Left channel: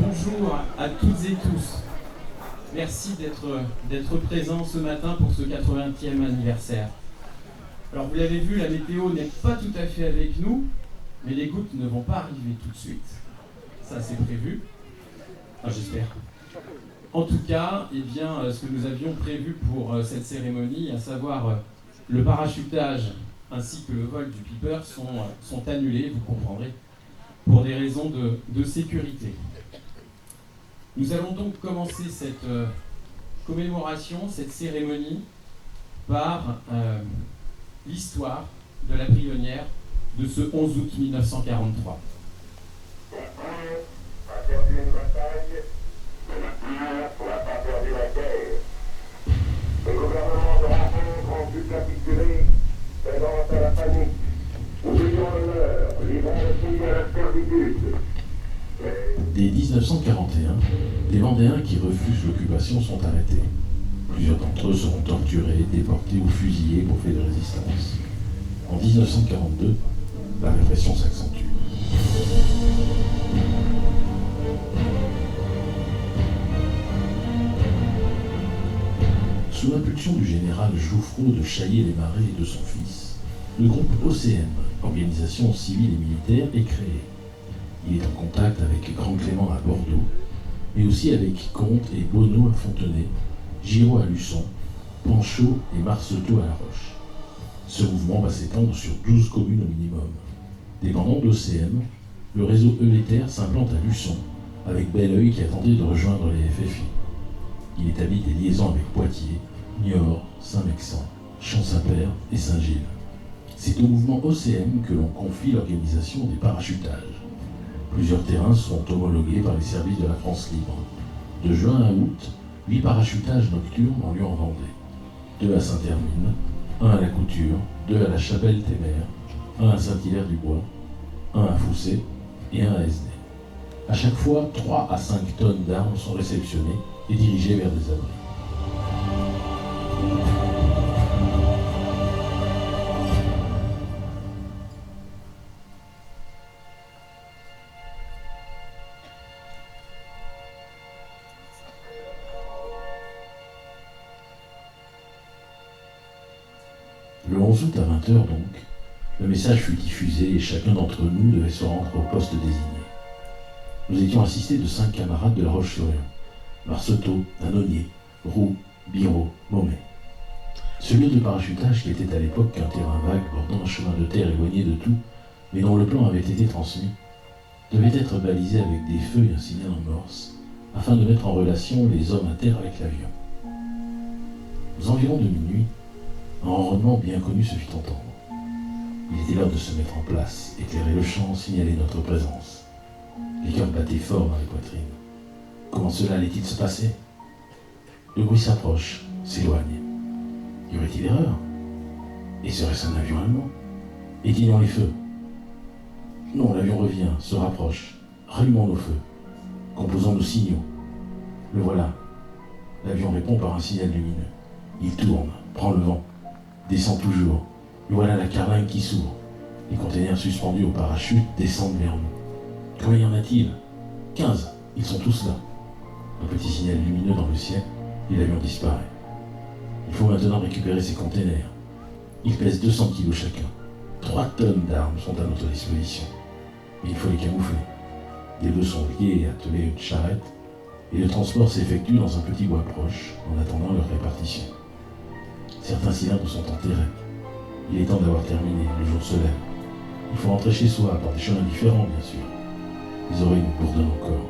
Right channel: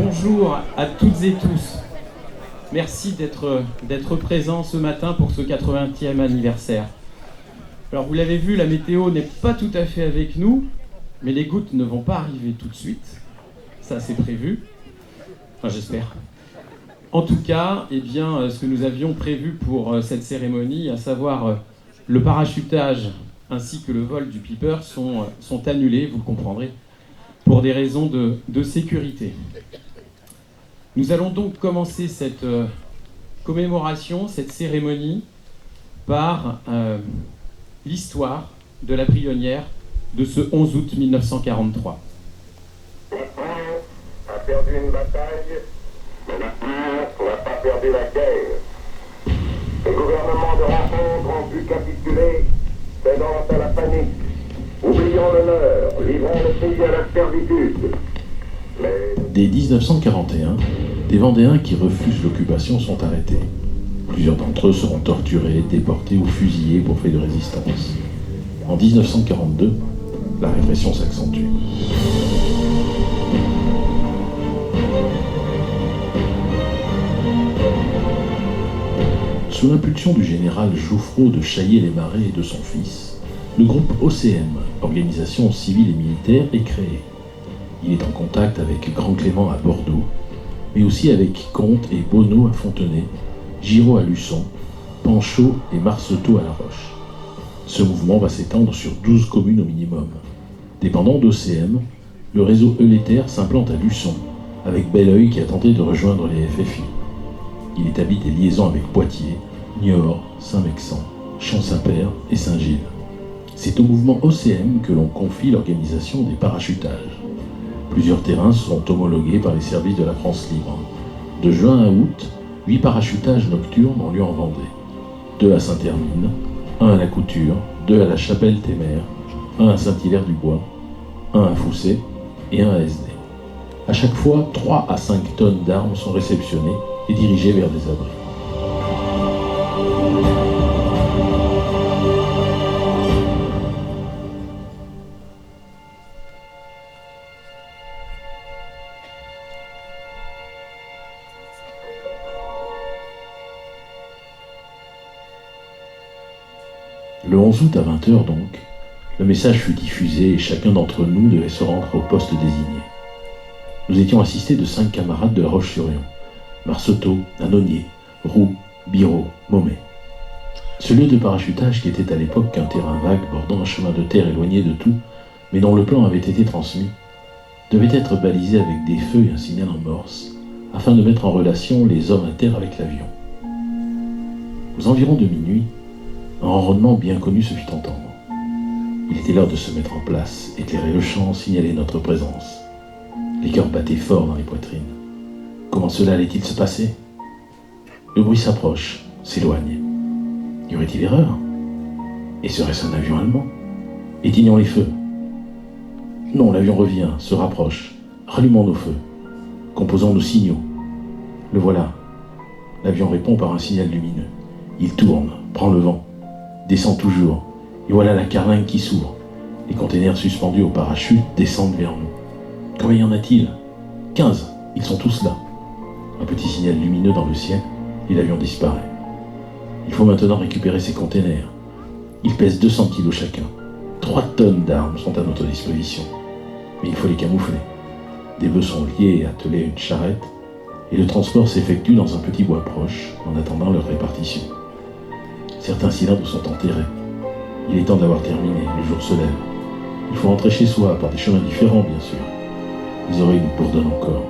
Bonjour à toutes et tous. Merci d'être présents ce matin pour ce 80e anniversaire. Alors vous l'avez vu, la météo n'est pas tout à fait avec nous, mais les gouttes ne vont pas arriver tout de suite. Ça c'est prévu. Enfin j'espère. En tout cas, ce que nous avions prévu pour cette cérémonie, à savoir le parachutage ainsi que le vol du Piper, sont annulés, vous comprendrez, pour des raisons de sécurité. Nous allons donc commencer cette commémoration, cette cérémonie, par l'histoire de la Prionnière de ce 11 août 1943. La France a perdu une bataille, mais la France n'a pas perdu la guerre. Les gouvernements de rencontre ont pu capituler, cédant à la panique. Oublions l'honneur, livrons le pays à la servitude. Dès 1941, des Vendéens qui refusent l'occupation sont arrêtés. Plusieurs d'entre eux seront torturés, déportés ou fusillés pour faits de résistance. En 1942, la répression s'accentue. Sous l'impulsion du général Jouffrault de Chaillé-les-Marais et de son fils, le groupe OCM, Organisation Civile et Militaire, est créé. Il est en contact avec Grand Clément à Bordeaux, mais aussi avec Comte et Bonneau à Fontenay, Giraud à Luçon, Panchaud et Marceau à La Roche. Ce mouvement va s'étendre sur 12 communes au minimum. Dépendant d'OCM, le réseau Euléther s'implante à Luçon, avec Belleuil qui a tenté de rejoindre les FFI. Il établit des liaisons avec Poitiers, Niort, Saint-Mexan, Champ-Saint-Père et Saint-Gilles. C'est au mouvement OCM que l'on confie l'organisation des parachutages. Plusieurs terrains sont homologués par les services de la France libre. De juin à août, 8 parachutages nocturnes ont lieu en Vendée. 2 à Saint-Hermine, 1 à la Couture, 2 à la Chapelle-Témère, 1 à Saint-Hilaire-du-Bois, 1 à Foussé et 1 à SD. À chaque fois, 3 à 5 tonnes d'armes sont réceptionnées et dirigées vers des abris. Le 11 août à 20h donc, le message fut diffusé et chacun d'entre nous devait se rendre au poste désigné. Nous étions assistés de 5 camarades de La Roche-sur-Yon: Marceau, Nanonnier, Roux, Biraud, Maumet. Ce lieu de parachutage, qui était à l'époque qu'un terrain vague bordant un chemin de terre éloigné de tout, mais dont le plan avait été transmis, devait être balisé avec des feux et un signal en morse, afin de mettre en relation les hommes à terre avec l'avion. Aux environs de minuit, un ronronnement bien connu se fit entendre. Il était l'heure de se mettre en place, éclairer le champ, signaler notre présence. Les cœurs battaient fort dans les poitrines. Comment cela allait-il se passer? Le bruit s'approche, s'éloigne. Y aurait-il erreur? Et serait-ce un avion allemand? Éteignons les feux. Non, l'avion revient, se rapproche. Rallumons nos feux. Composons nos signaux. Le voilà. L'avion répond par un signal lumineux. Il tourne, prend le vent, descend toujours. Et voilà la carlingue qui s'ouvre. Les containers suspendus au parachute descendent vers nous. Combien y en a-t-il? 15. Ils sont tous là. Un petit signal lumineux dans le ciel, et l'avion disparaît. Il faut maintenant récupérer ces containers. Ils pèsent 200 kilos chacun. 3 tonnes d'armes sont à notre disposition. Mais il faut les camoufler. Des bœufs sont liés et attelés à une charrette, et le transport s'effectue dans un petit bois proche, en attendant leur répartition. Certains cylindres sont enterrés. Il est temps d'avoir terminé, le jour se lève. Il faut rentrer chez soi, par des chemins différents, bien sûr. Les oreilles nous bourdonnent encore.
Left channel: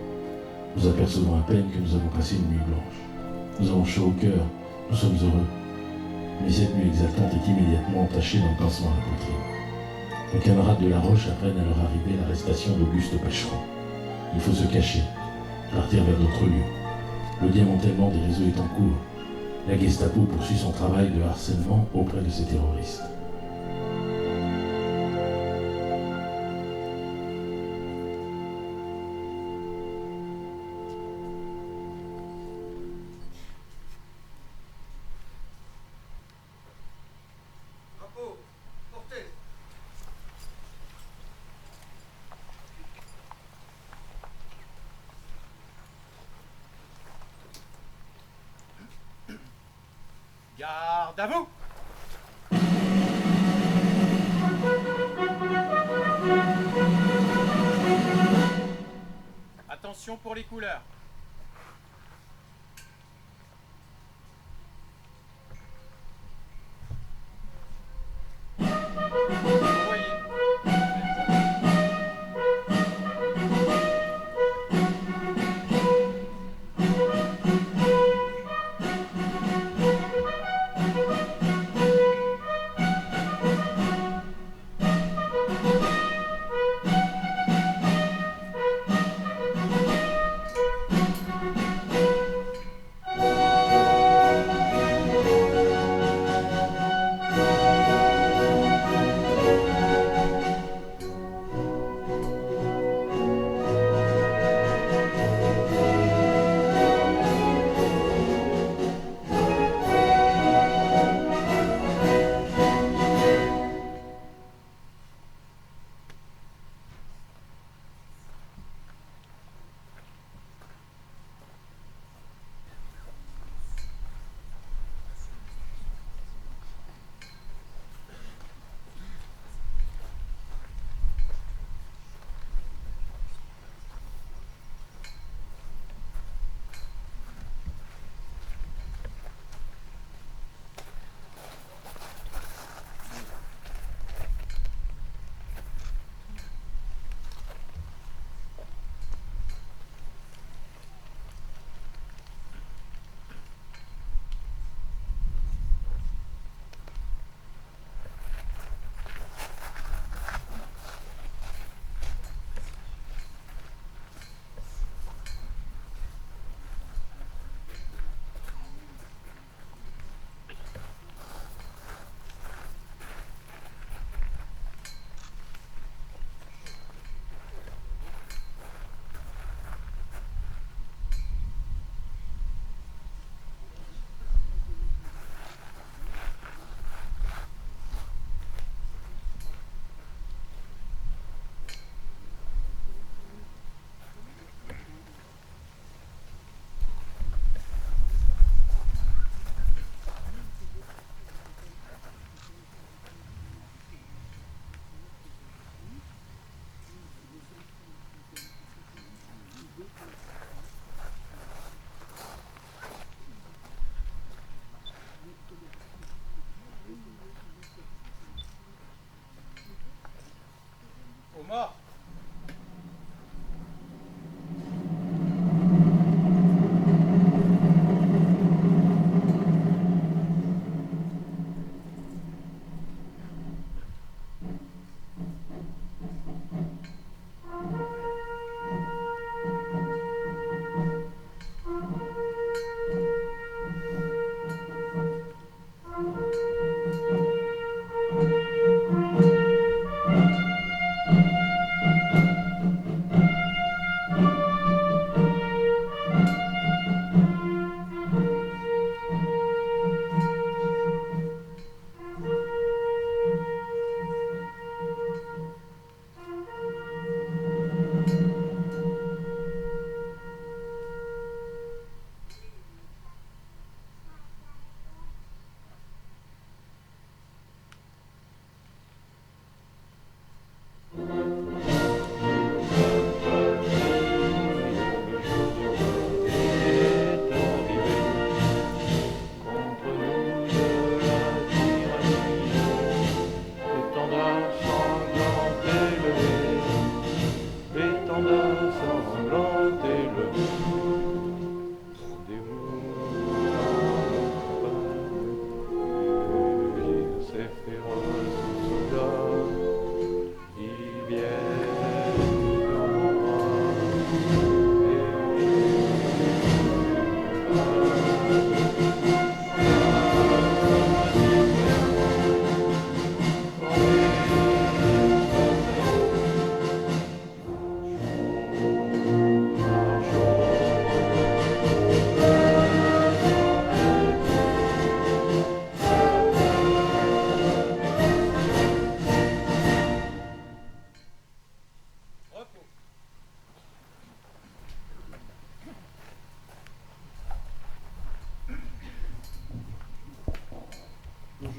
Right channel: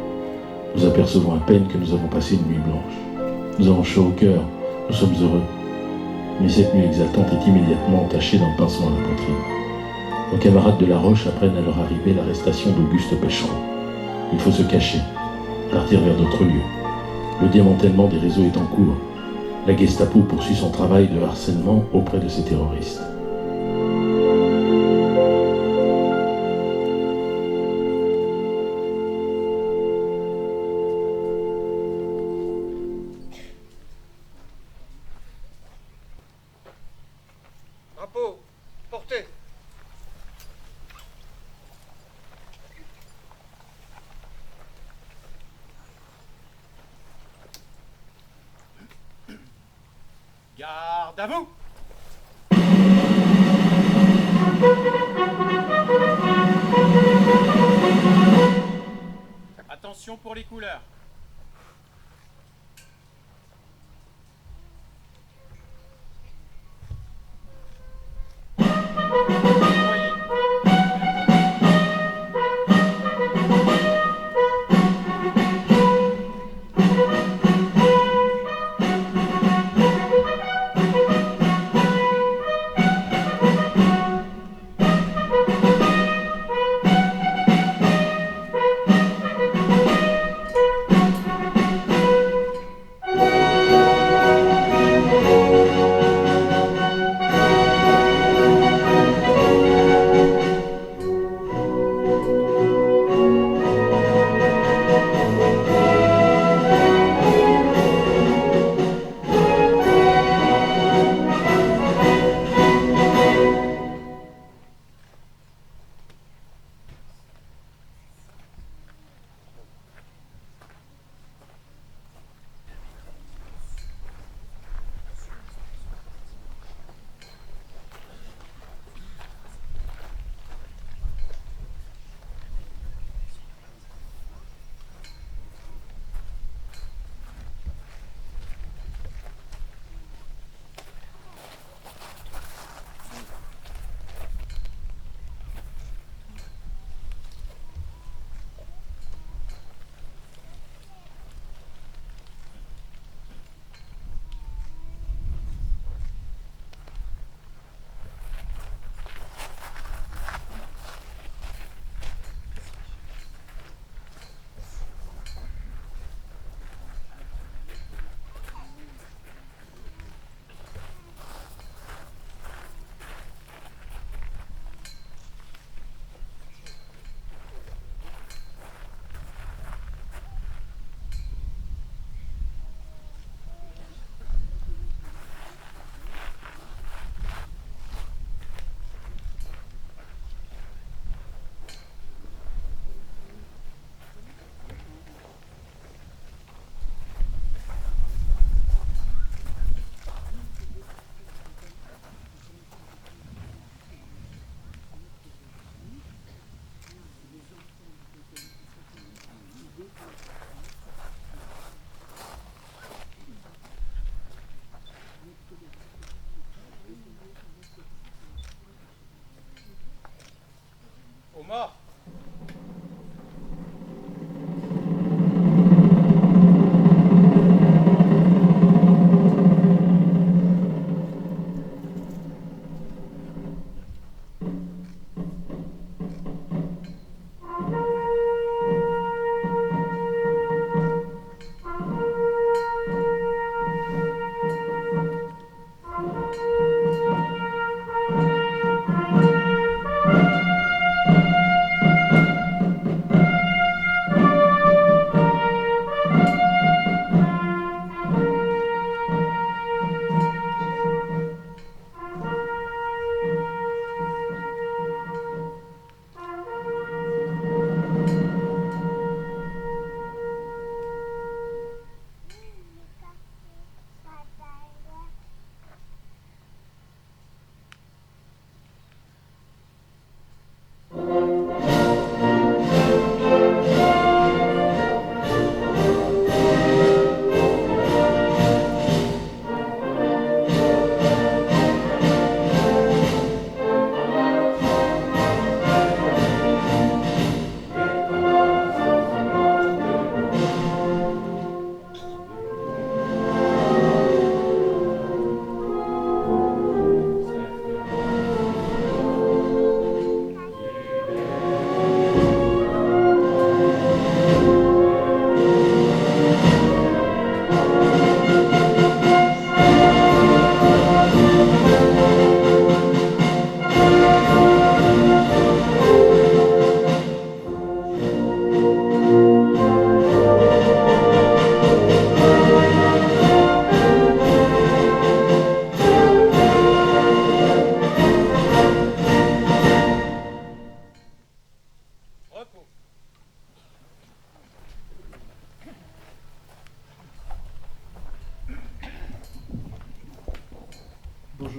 Nous apercevons à peine que nous avons passé une nuit blanche. Nous avons chaud au cœur, nous sommes heureux. Mais cette nuit exaltante est immédiatement entachée d'un pincement à la poitrine. Nos camarades de La Roche apprennent à leur arrivée l'arrestation d'Auguste Péchereau. Il faut se cacher, partir vers d'autres lieux. Le démantèlement des réseaux est en cours. La Gestapo poursuit son travail de harcèlement auprès de ces terroristes. Drapeau, portez. Garde à vous! Attention pour les couleurs. Envoyez. Aux morts.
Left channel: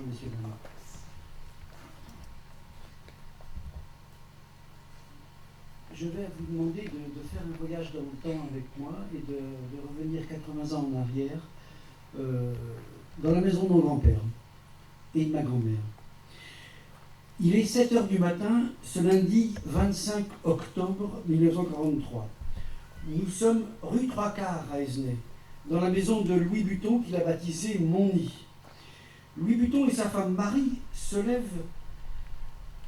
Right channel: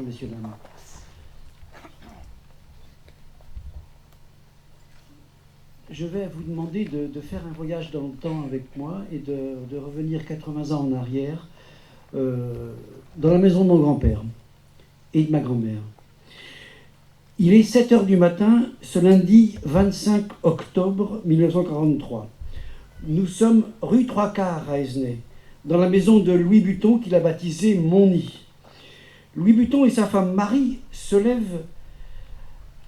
messieurs, dames. Je vais vous demander de faire un voyage dans le temps avec moi et de revenir 80 ans en arrière dans la maison de mon grand-père et de ma grand-mère. Il est 7 h du matin, ce lundi 25 octobre 1943. Nous sommes rue Trois Quarts à Esnay, dans la maison de Louis Buton qu'il a baptisée Mon Nid. Louis Buton et sa femme Marie se lèvent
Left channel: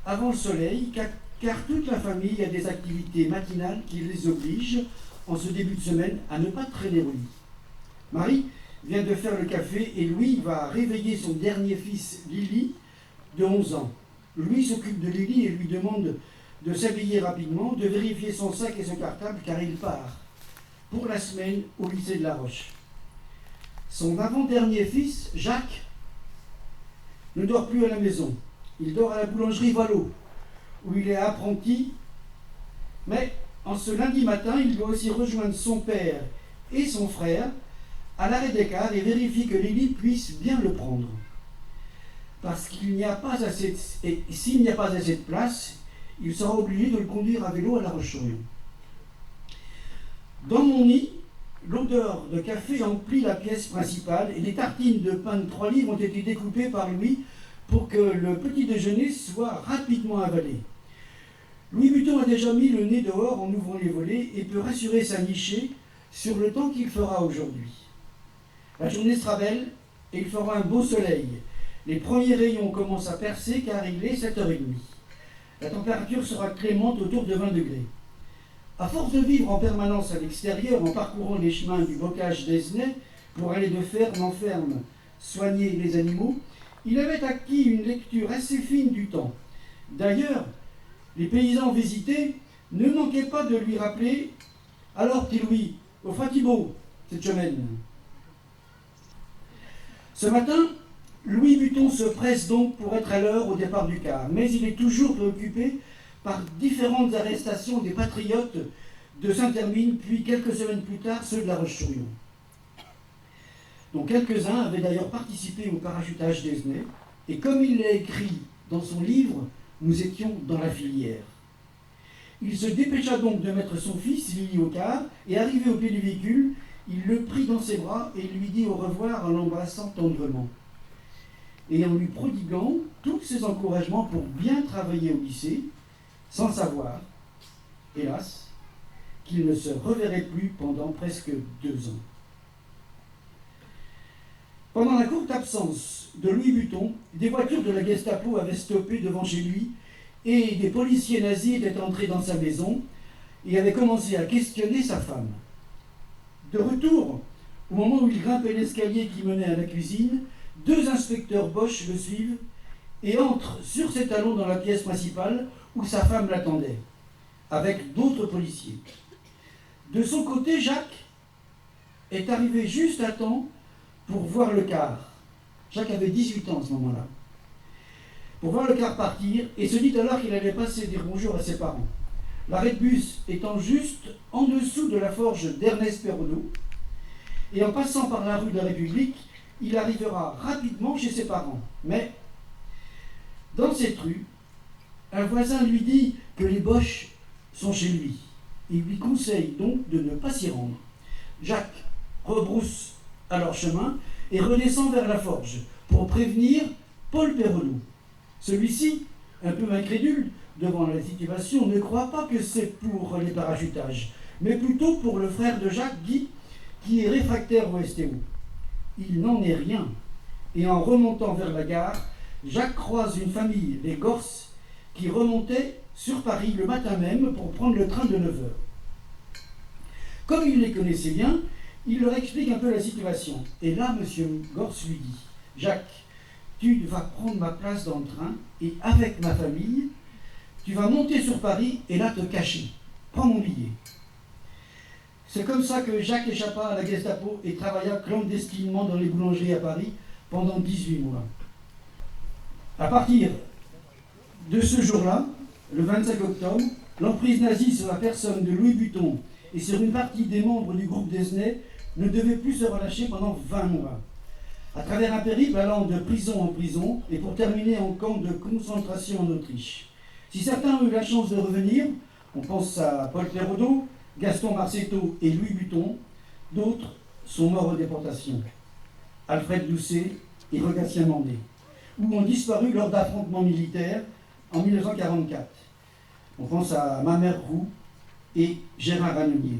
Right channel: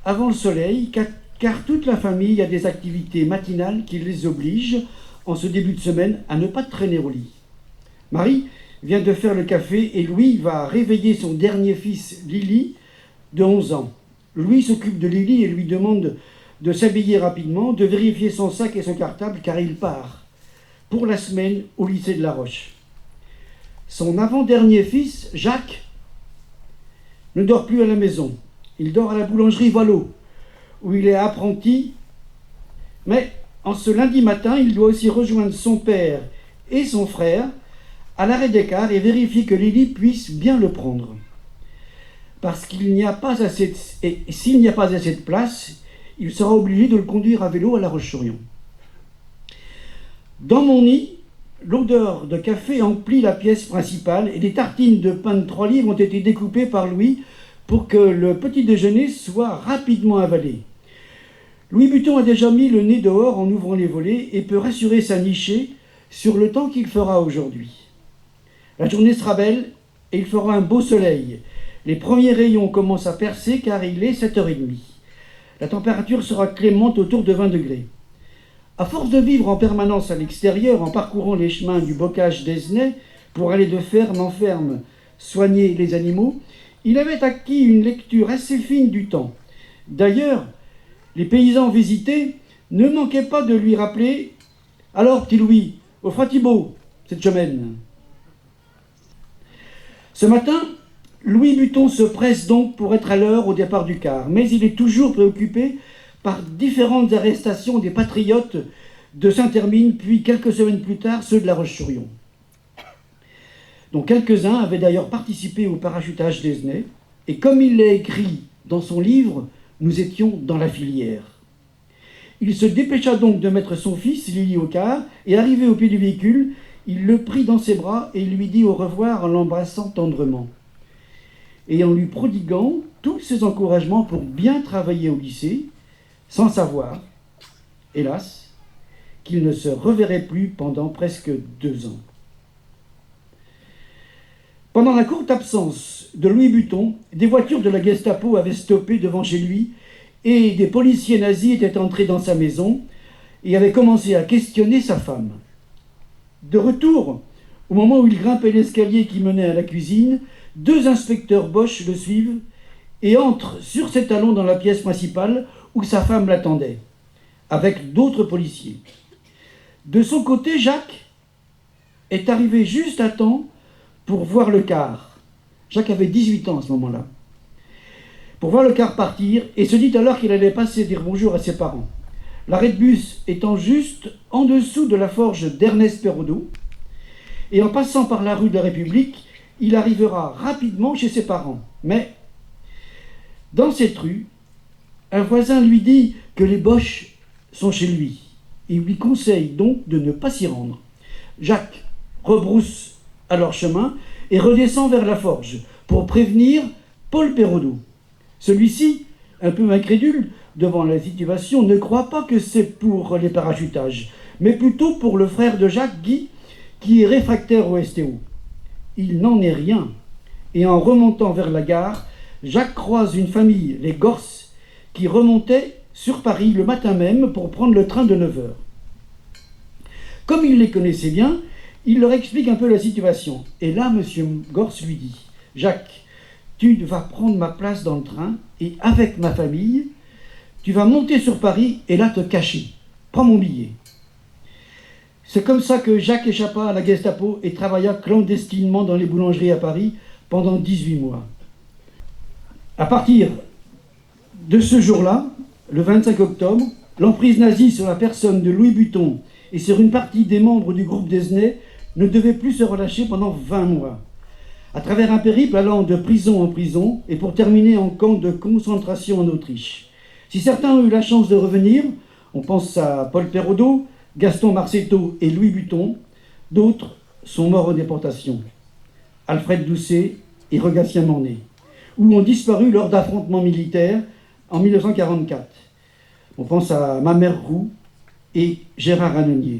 avant le soleil, car toute la famille a des activités matinales qui les obligent, en ce début de semaine, à ne pas traîner au lit. Marie vient de faire le café et Louis va réveiller son dernier fils, Lily, de 11 ans. Louis s'occupe de Lily et lui demande de s'habiller rapidement, de vérifier son sac et son cartable, car il part pour la semaine au lycée de La Roche. Son avant-dernier fils, Jacques, ne dort plus à la maison. Il dort à la boulangerie Voileau, où il est apprenti, mais en ce lundi matin, il doit aussi rejoindre son père et son frère à l'arrêt des cars et vérifier que Lily puisse bien le prendre. Parce qu'il n'y a pas assez et s'il n'y a pas assez de place, il sera obligé de le conduire à vélo à La Roche-sur-Yon. Dans mon nid, l'odeur de café emplit la pièce principale et des tartines de pain de 3 livres ont été découpées par Louis pour que le petit déjeuner soit rapidement avalé. Louis Buton a déjà mis le nez dehors en ouvrant les volets et peut rassurer sa nichée sur le temps qu'il fera aujourd'hui. La journée sera belle et il fera un beau soleil. Les premiers rayons commencent à percer car il est 7 h 30. La température sera clémente autour de 20 degrés. À force de vivre en permanence à l'extérieur, en parcourant les chemins du bocage d'Esnay pour aller de ferme en ferme soigner les animaux, il avait acquis une lecture assez fine du temps. D'ailleurs, les paysans visités ne manquaient pas de lui rappeler « Alors, petit Louis, au Fatibo, cette semaine ?» Ce matin, Louis Buton se presse donc pour être à l'heure au départ du car, mais il est toujours préoccupé par différentes arrestations des patriotes de Saint-Hermine, puis quelques semaines plus tard, ceux de La Roche-sur-Yon. dont quelques-uns avaient d'ailleurs participé au parachutage d'Esnay, et comme il l'a écrit dans son livre, nous étions dans la filière. Il se dépêcha donc de mettre son fils, Lily, au car, et arrivé au pied du véhicule, il le prit dans ses bras et lui dit au revoir en l'embrassant tendrement, et en lui prodiguant tous ses encouragements pour bien travailler au lycée, sans savoir, hélas, qu'il ne se reverrait plus pendant presque 2 ans. Pendant la courte absence de Louis Buton, des voitures de la Gestapo avaient stoppé devant chez lui et des policiers nazis étaient entrés dans sa maison et avaient commencé à questionner sa femme. De retour, au moment où il grimpait l'escalier qui menait à la cuisine, 2 inspecteurs Bosch le suivent et entrent sur ses talons dans la pièce principale où sa femme l'attendait, avec d'autres policiers. De son côté, Jacques est arrivé juste à temps pour voir le car. Jacques avait 18 ans à ce moment-là. Pour voir le car partir et se dit alors qu'il allait passer dire bonjour à ses parents. L'arrêt de bus étant juste en dessous de la forge d'Ernest Perraudot, et en passant par la rue de la République, il arrivera rapidement chez ses parents. Mais, dans cette rue, un voisin lui dit que les Boches sont chez lui. Il lui conseille donc de ne pas s'y rendre. Jacques rebrousse alors chemin et redescend vers la forge pour prévenir Paul Perraudot. Celui-ci, un peu incrédule devant la situation, ne croit pas que c'est pour les parachutages, mais plutôt pour le frère de Jacques, Guy, qui est réfractaire au STO. Il n'en est rien. Et en remontant vers la gare, Jacques croise une famille, les Gorses, qui remontait sur Paris le matin même pour prendre le train de 9 h. Comme il les connaissait bien, il leur explique un peu la situation. Et là, M. Gorse lui dit « Jacques, tu vas prendre ma place dans le train et avec ma famille, tu vas monter sur Paris et là te cacher. Prends mon billet. » C'est comme ça que Jacques échappa à la Gestapo et travailla clandestinement dans les boulangeries à Paris pendant 18 mois. À partir de ce jour-là, le 25 octobre, l'emprise nazie sur la personne de Louis Buton et sur une partie des membres du groupe d'Esnay ne devait plus se relâcher pendant 20 mois. à travers un périple allant de prison en prison et pour terminer en camp de concentration en Autriche. Si certains ont eu la chance de revenir, on pense à Paul Perraudot, Gaston Marcetto et Louis Buton, d'autres sont morts en déportation. Alfred Doucet et Regatien Mornay, ou ont disparu lors d'affrontements militaires en 1944. On pense à Mamère Roux et Gérard Annonier.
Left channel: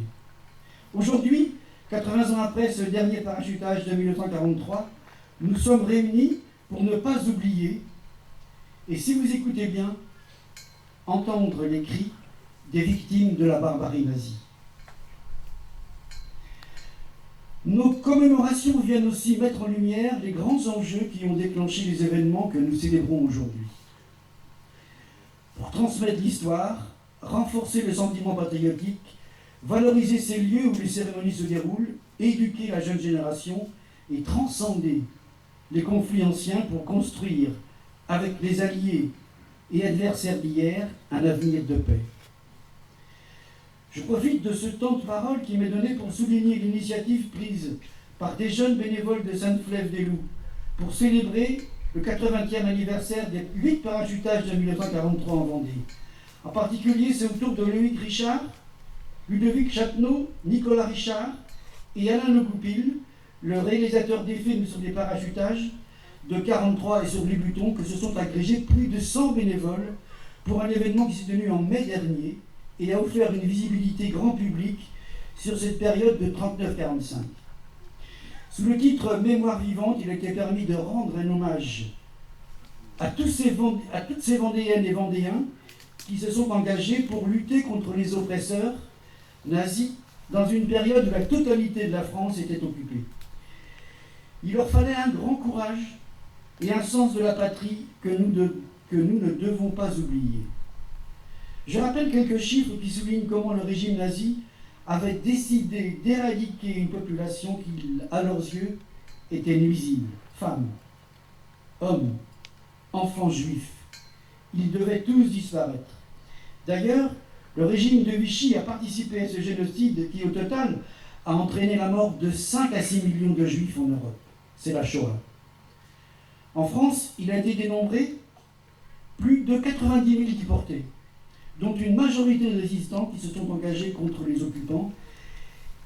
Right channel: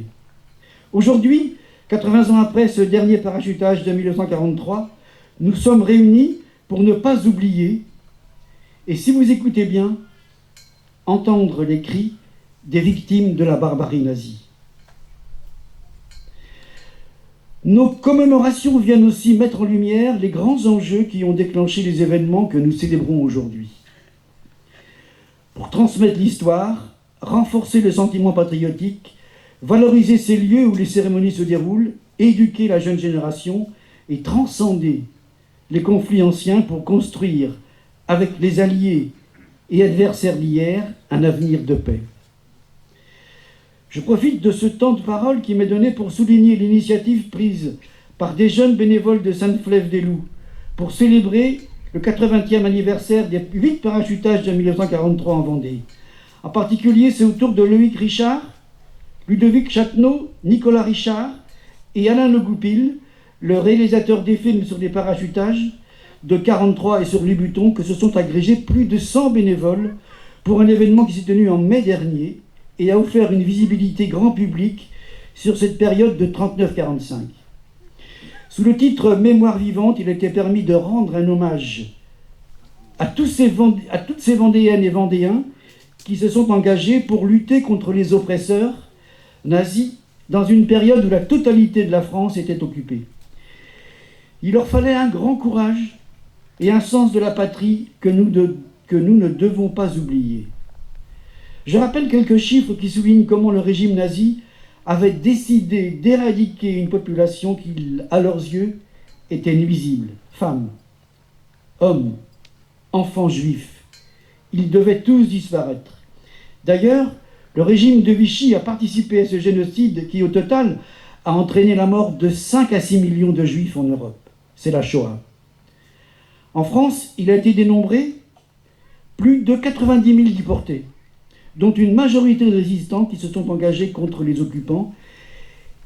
Aujourd'hui, 80 ans après ce dernier parachutage de 1943, nous sommes réunis pour ne pas oublier, et si vous écoutez bien, entendre les cris des victimes de la barbarie nazie. Nos commémorations viennent aussi mettre en lumière les grands enjeux qui ont déclenché les événements que nous célébrons aujourd'hui. Pour transmettre l'histoire, renforcer le sentiment patriotique, valoriser ces lieux où les cérémonies se déroulent, éduquer la jeune génération et transcender les conflits anciens pour construire, avec les alliés et adversaires d'hier, un avenir de paix. Je profite de ce temps de parole qui m'est donné pour souligner l'initiative prise par des jeunes bénévoles de Sainte-Flève-des-Loups pour célébrer le 80e anniversaire des 8 parachutages de 1943 en Vendée. En particulier, c'est au tour de Loïc Richard, Ludovic Châtenot, Nicolas Richard et Alain Le Goupil, le réalisateur des films sur les parachutages de 1943 et sur les Butons, que se sont agrégés plus de 100 bénévoles pour un événement qui s'est tenu en mai dernier et a offert une visibilité grand public sur cette période de 39-45. Sous le titre « Mémoire vivante », il a été permis de rendre un hommage à toutes ces Vendéennes et Vendéens qui se sont engagés pour lutter contre les oppresseurs nazis dans une période où la totalité de la France était occupée. Il leur fallait un grand courage et un sens de la patrie que nous ne devons pas oublier. Je rappelle quelques chiffres qui soulignent comment le régime nazi avait décidé d'éradiquer une population qui, à leurs yeux, était nuisible. Femmes, hommes, enfants juifs. Ils devaient tous disparaître. D'ailleurs, le régime de Vichy a participé à ce génocide qui, au total, a entraîné la mort de 5 à 6 millions de juifs en Europe. C'est la Shoah. En France, il a été dénombré plus de 90 000 déportés, dont une majorité de résistants qui se sont engagés contre les occupants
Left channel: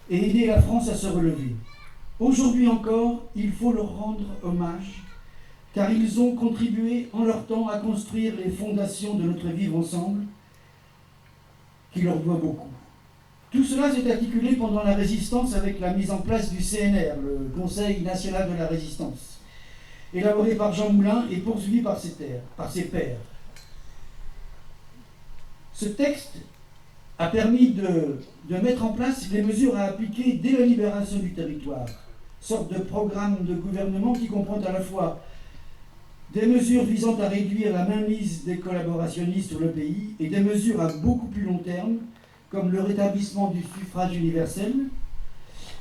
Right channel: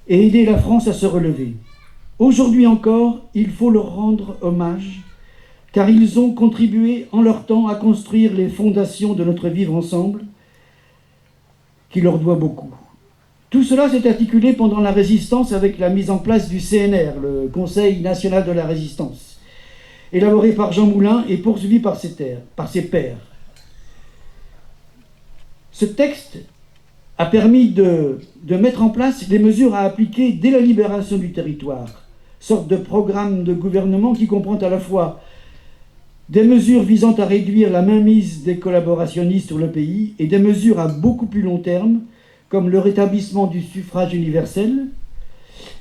et aider la France à se relever. Aujourd'hui encore, il faut leur rendre hommage, car ils ont contribué en leur temps à construire les fondations de notre vivre ensemble, qui leur doit beaucoup. Tout cela s'est articulé pendant la résistance avec la mise en place du CNR, le Conseil national de la résistance, élaboré par Jean Moulin et poursuivi par ses pairs. Ce texte a permis de mettre en place les mesures à appliquer dès la libération du territoire, sorte de programme de gouvernement qui comprend à la fois des mesures visant à réduire la mainmise des collaborationnistes sur le pays et des mesures à beaucoup plus long terme, comme le rétablissement du suffrage universel,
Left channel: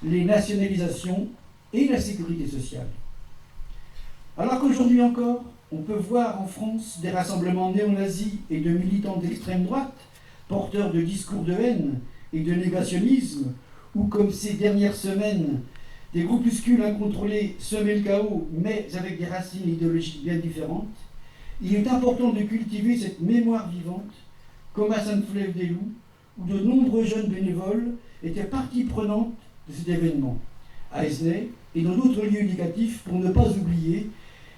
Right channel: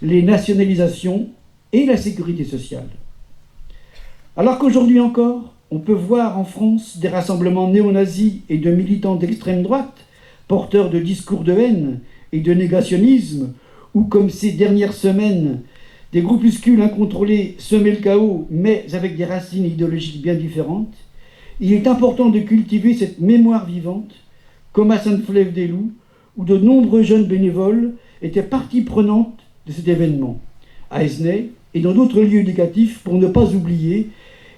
les nationalisations et la sécurité sociale. Alors qu'aujourd'hui encore, on peut voir en France des rassemblements néo-nazis et de militants d'extrême droite, porteurs de discours de haine et de négationnisme, ou comme ces dernières semaines, des groupuscules incontrôlés semer le chaos, mais avec des racines idéologiques bien différentes, il est important de cultiver cette mémoire vivante, comme à Sainte-Flève-des-Loups, où de nombreux jeunes bénévoles étaient partie prenante de cet événement, à Esnay et dans d'autres lieux éducatifs, pour ne pas oublier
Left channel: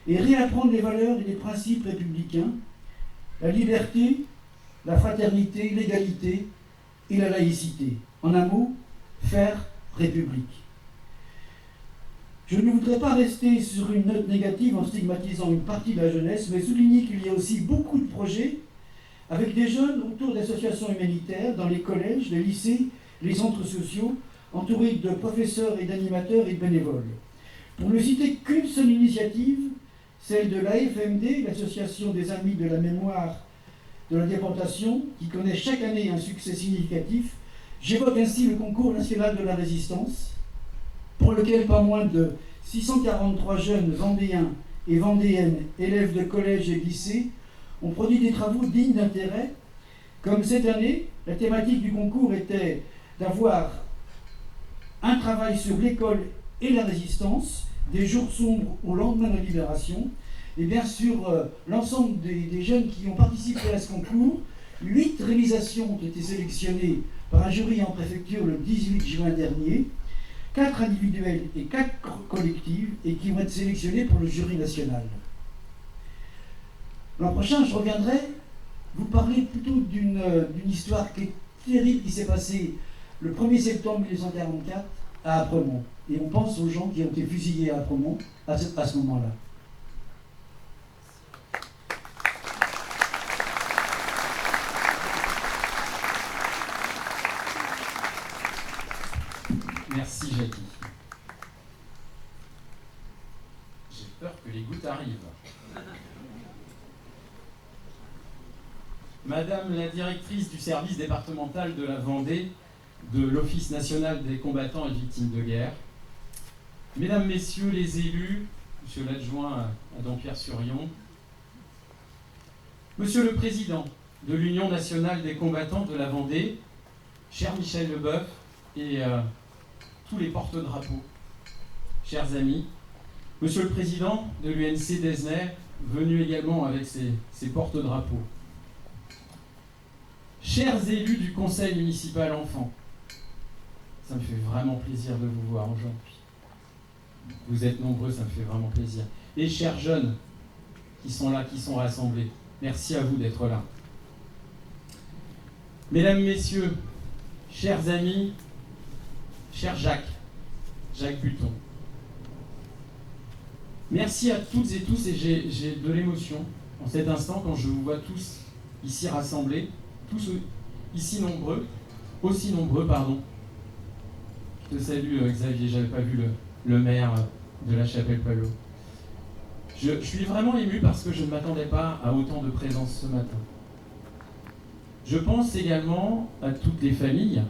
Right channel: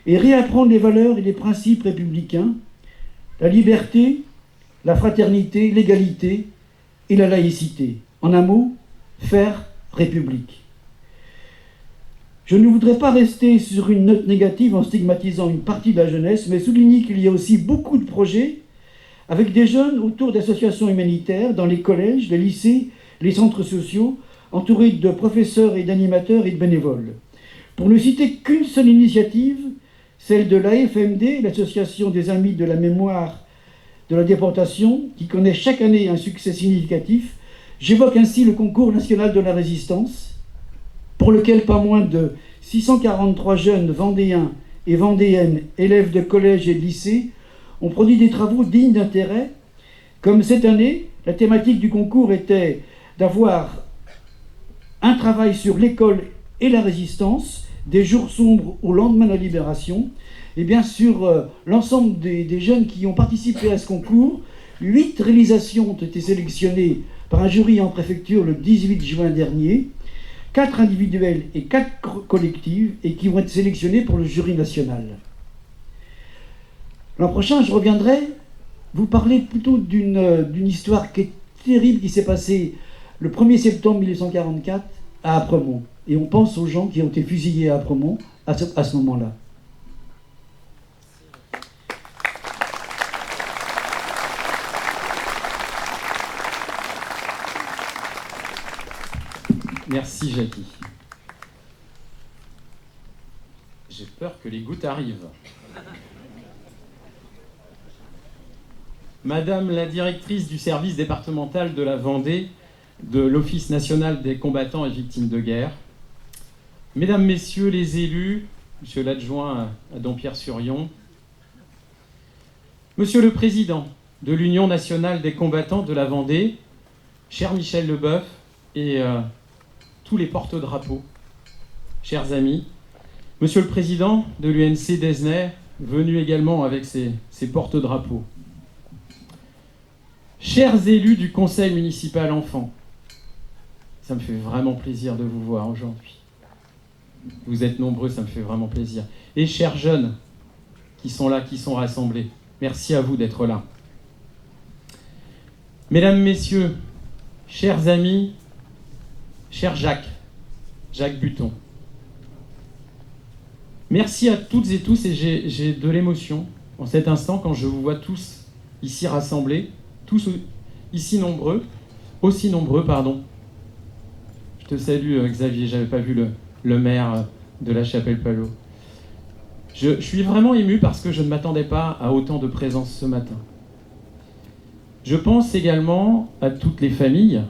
et réapprendre les valeurs et les principes républicains, la liberté, la fraternité, l'égalité et la laïcité. En un mot, faire République. Je ne voudrais pas rester sur une note négative en stigmatisant une partie de la jeunesse, mais souligner qu'il y a aussi beaucoup de projets avec des jeunes autour d'associations humanitaires dans les collèges, les lycées, les centres sociaux, entourés de professeurs et d'animateurs et de bénévoles. Pour ne citer qu'une seule initiative, celle de l'AFMD, l'Association des Amis de la Mémoire de la Déportation, qui connaît chaque année un succès significatif, j'évoque ainsi le concours national de la résistance, pour lequel pas moins de 643 jeunes vendéens et vendéennes, élèves de collège et de lycée, ont produit des travaux dignes d'intérêt. Comme cette année, la thématique du concours était d'avoir un travail sur l'école et la résistance, des jours sombres au lendemain de la libération. Et bien sur l'ensemble des jeunes qui ont participé à ce concours, 8 réalisations ont été sélectionnées par un jury en préfecture le 18 juin dernier, 4 individuelles et 4 collectives, et qui vont être sélectionnées pour le jury national. L'an prochain, je reviendrai vous parler plutôt d'une histoire qui est terrible, qui s'est passée le 1er septembre 1944 à Apremont. Et on pense aux gens qui ont été fusillés à Apremont à ce moment-là. Merci Jackie. J'ai peur que les gouttes arrivent. Madame la directrice du service départemental de la Vendée de l'Office national des combattants et victimes de guerre, Mesdames, Messieurs les élus, Monsieur l'adjoint à Dampierre-sur-Yon, Monsieur le Président de l'Union nationale des combattants de la Vendée, cher Michel Leboeuf et tous les porte-drapeaux, chers amis, Monsieur le Président de l'UNC d'Esnay, venu également avec ses porte-drapeaux, chers élus du Conseil municipal enfants, ça me fait vraiment plaisir de vous voir aujourd'hui. Vous êtes nombreux, ça me fait vraiment plaisir. Et chers jeunes qui sont là, qui sont rassemblés, merci à vous d'être là. Mesdames, Messieurs, chers amis, cher Jacques Buton, merci à toutes et tous, et j'ai de l'émotion en cet instant quand je vous vois tous ici rassemblés, tous ici aussi nombreux, pardon. Je te salue Xavier, j'avais pas vu le maire de la Chapelle-Palot. Je suis vraiment ému parce que je ne m'attendais pas à autant de présence ce matin. Je pense également à toutes les familles,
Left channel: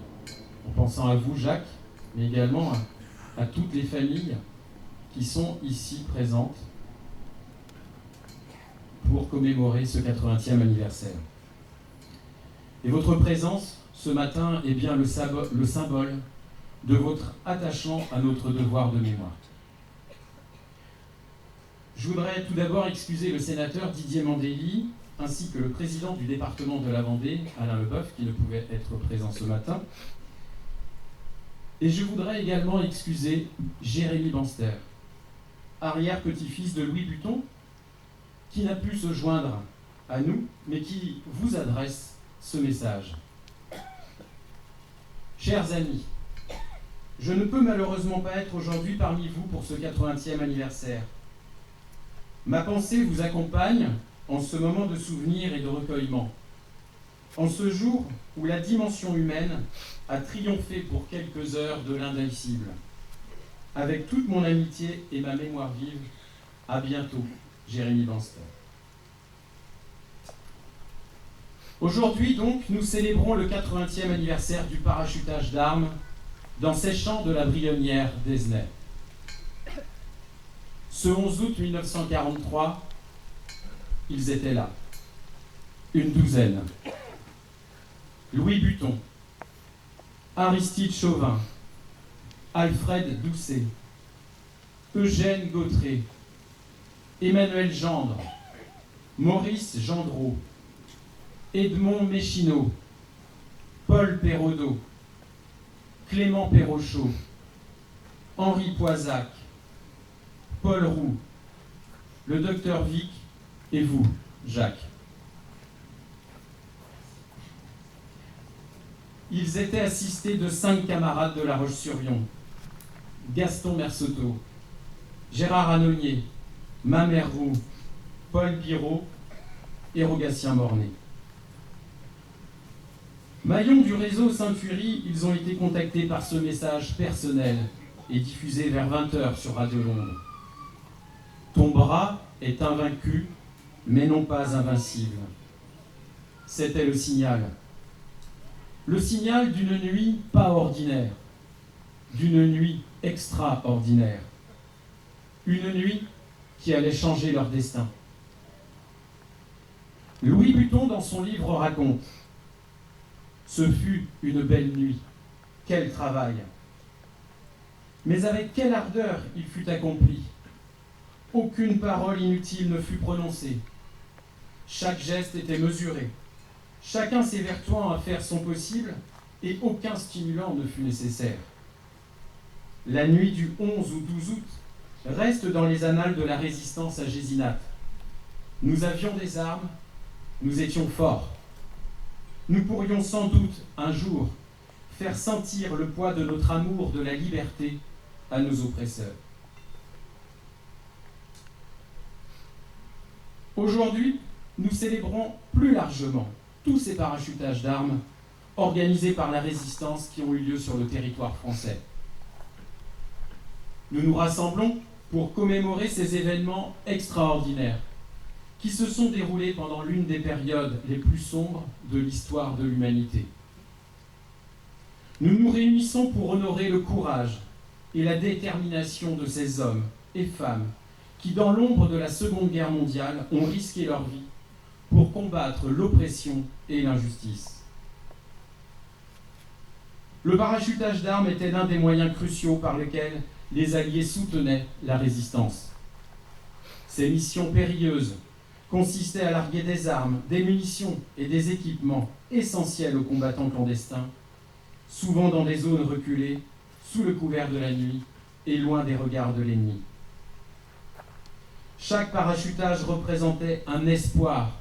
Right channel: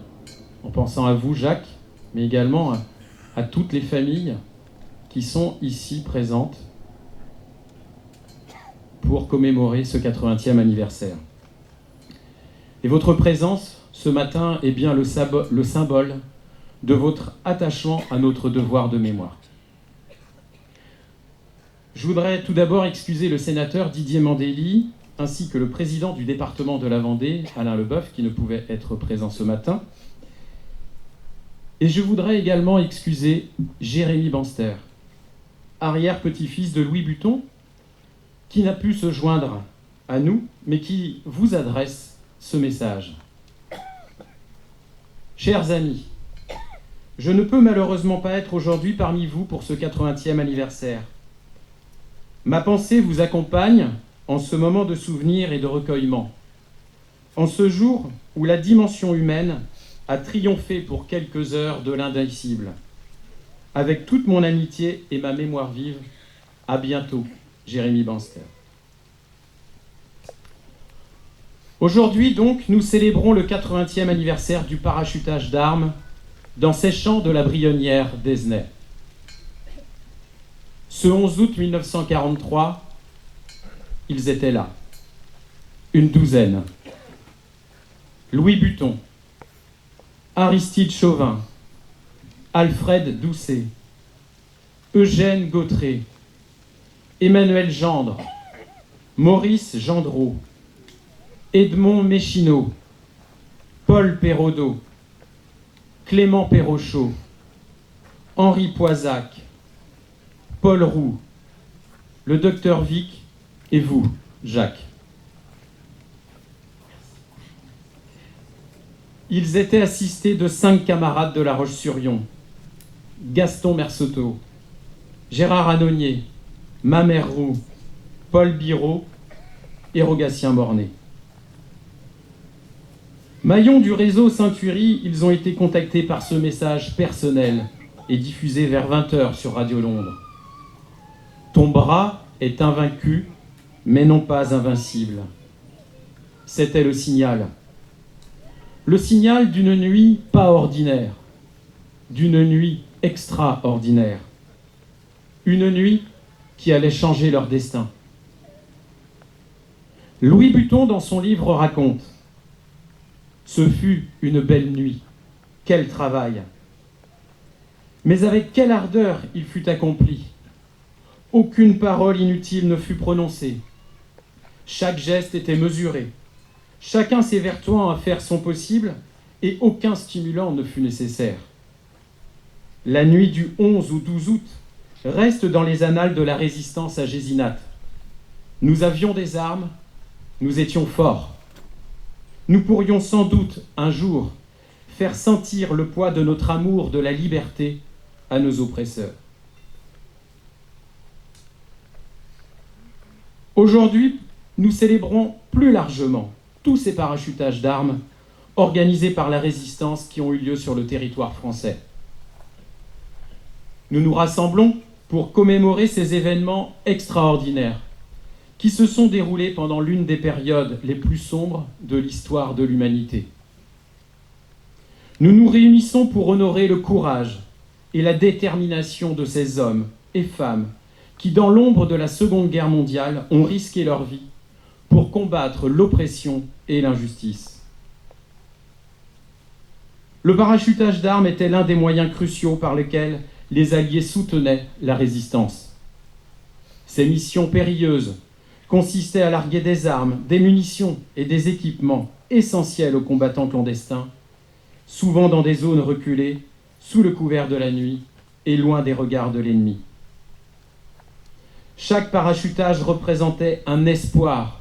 en pensant à vous Jacques, mais également à toutes les familles qui sont ici présentes pour commémorer ce 80e anniversaire. Et votre présence ce matin est bien le symbole de votre attachement à notre devoir de mémoire. Je voudrais tout d'abord excuser le sénateur Didier Mandelli, ainsi que le président du département de la Vendée, Alain Leboeuf, qui ne pouvait être présent ce matin. Et je voudrais également excuser Jérémy Banster, arrière-petit-fils de Louis Buton, qui n'a pu se joindre à nous, mais qui vous adresse ce message. Chers amis, je ne peux malheureusement pas être aujourd'hui parmi vous pour ce 80e anniversaire. Ma pensée vous accompagne en ce moment de souvenir et de recueillement, en ce jour où la dimension humaine a triomphé pour quelques heures de l'indicible. Avec toute mon amitié et ma mémoire vive, à bientôt, Jérémy Banster. Aujourd'hui donc, nous célébrons le 80e anniversaire du parachutage d'armes dans ces champs de la Brionnière d'Esnay. Ce 11 août 1943, ils étaient là, une douzaine. Louis Buton, Aristide Chauvin, Alfred Doucet, Eugène Gautret, Emmanuel Gendre, Maurice Gendreau, Edmond Méchineau, Paul Perraudot, Clément Perrochot, Henri Poisac, Paul Roux, le docteur Vic et vous, Jacques. Ils étaient assistés de 5 camarades de La Roche-sur-Yon: Gaston Merceau, Gérard Annonier, Mamère Roux, Paul Biraud et Rogatien Bornet. Maillons du réseau Saint-Thury, ils ont été contactés par ce message personnel et diffusé vers 20h sur Radio Londres. Ton bras est invaincu, mais non pas invincible. C'était le signal. Le signal d'une nuit pas ordinaire, d'une nuit extraordinaire. Une nuit qui allait changer leur destin. Louis Buton, dans son livre, raconte: ce fut une belle nuit. Quel travail! Mais avec quelle ardeur il fut accompli! Aucune parole inutile ne fut prononcée. Chaque geste était mesuré, chacun s'évertuant à faire son possible, et aucun stimulant ne fut nécessaire. La nuit du 11 au 12 août reste dans les annales de la résistance à Gésinat. Nous avions des armes, nous étions forts. Nous pourrions sans doute, un jour, faire sentir le poids de notre amour de la liberté à nos oppresseurs. Aujourd'hui, nous célébrons plus largement tous ces parachutages d'armes organisés par la résistance qui ont eu lieu sur le territoire français. Nous nous rassemblons pour commémorer ces événements extraordinaires qui se sont déroulés pendant l'une des périodes les plus sombres de l'histoire de l'humanité. Nous nous réunissons pour honorer le courage et la détermination de ces hommes et femmes qui, dans l'ombre de la Seconde Guerre mondiale, ont risqué leur vie pour combattre l'oppression et l'injustice. Le parachutage d'armes était l'un des moyens cruciaux par lesquels les Alliés soutenaient la résistance. Ces missions périlleuses consistaient à larguer des armes, des munitions et des équipements essentiels aux combattants clandestins, souvent dans des zones reculées, sous le couvert de la nuit et loin des regards de l'ennemi. Chaque parachutage représentait un espoir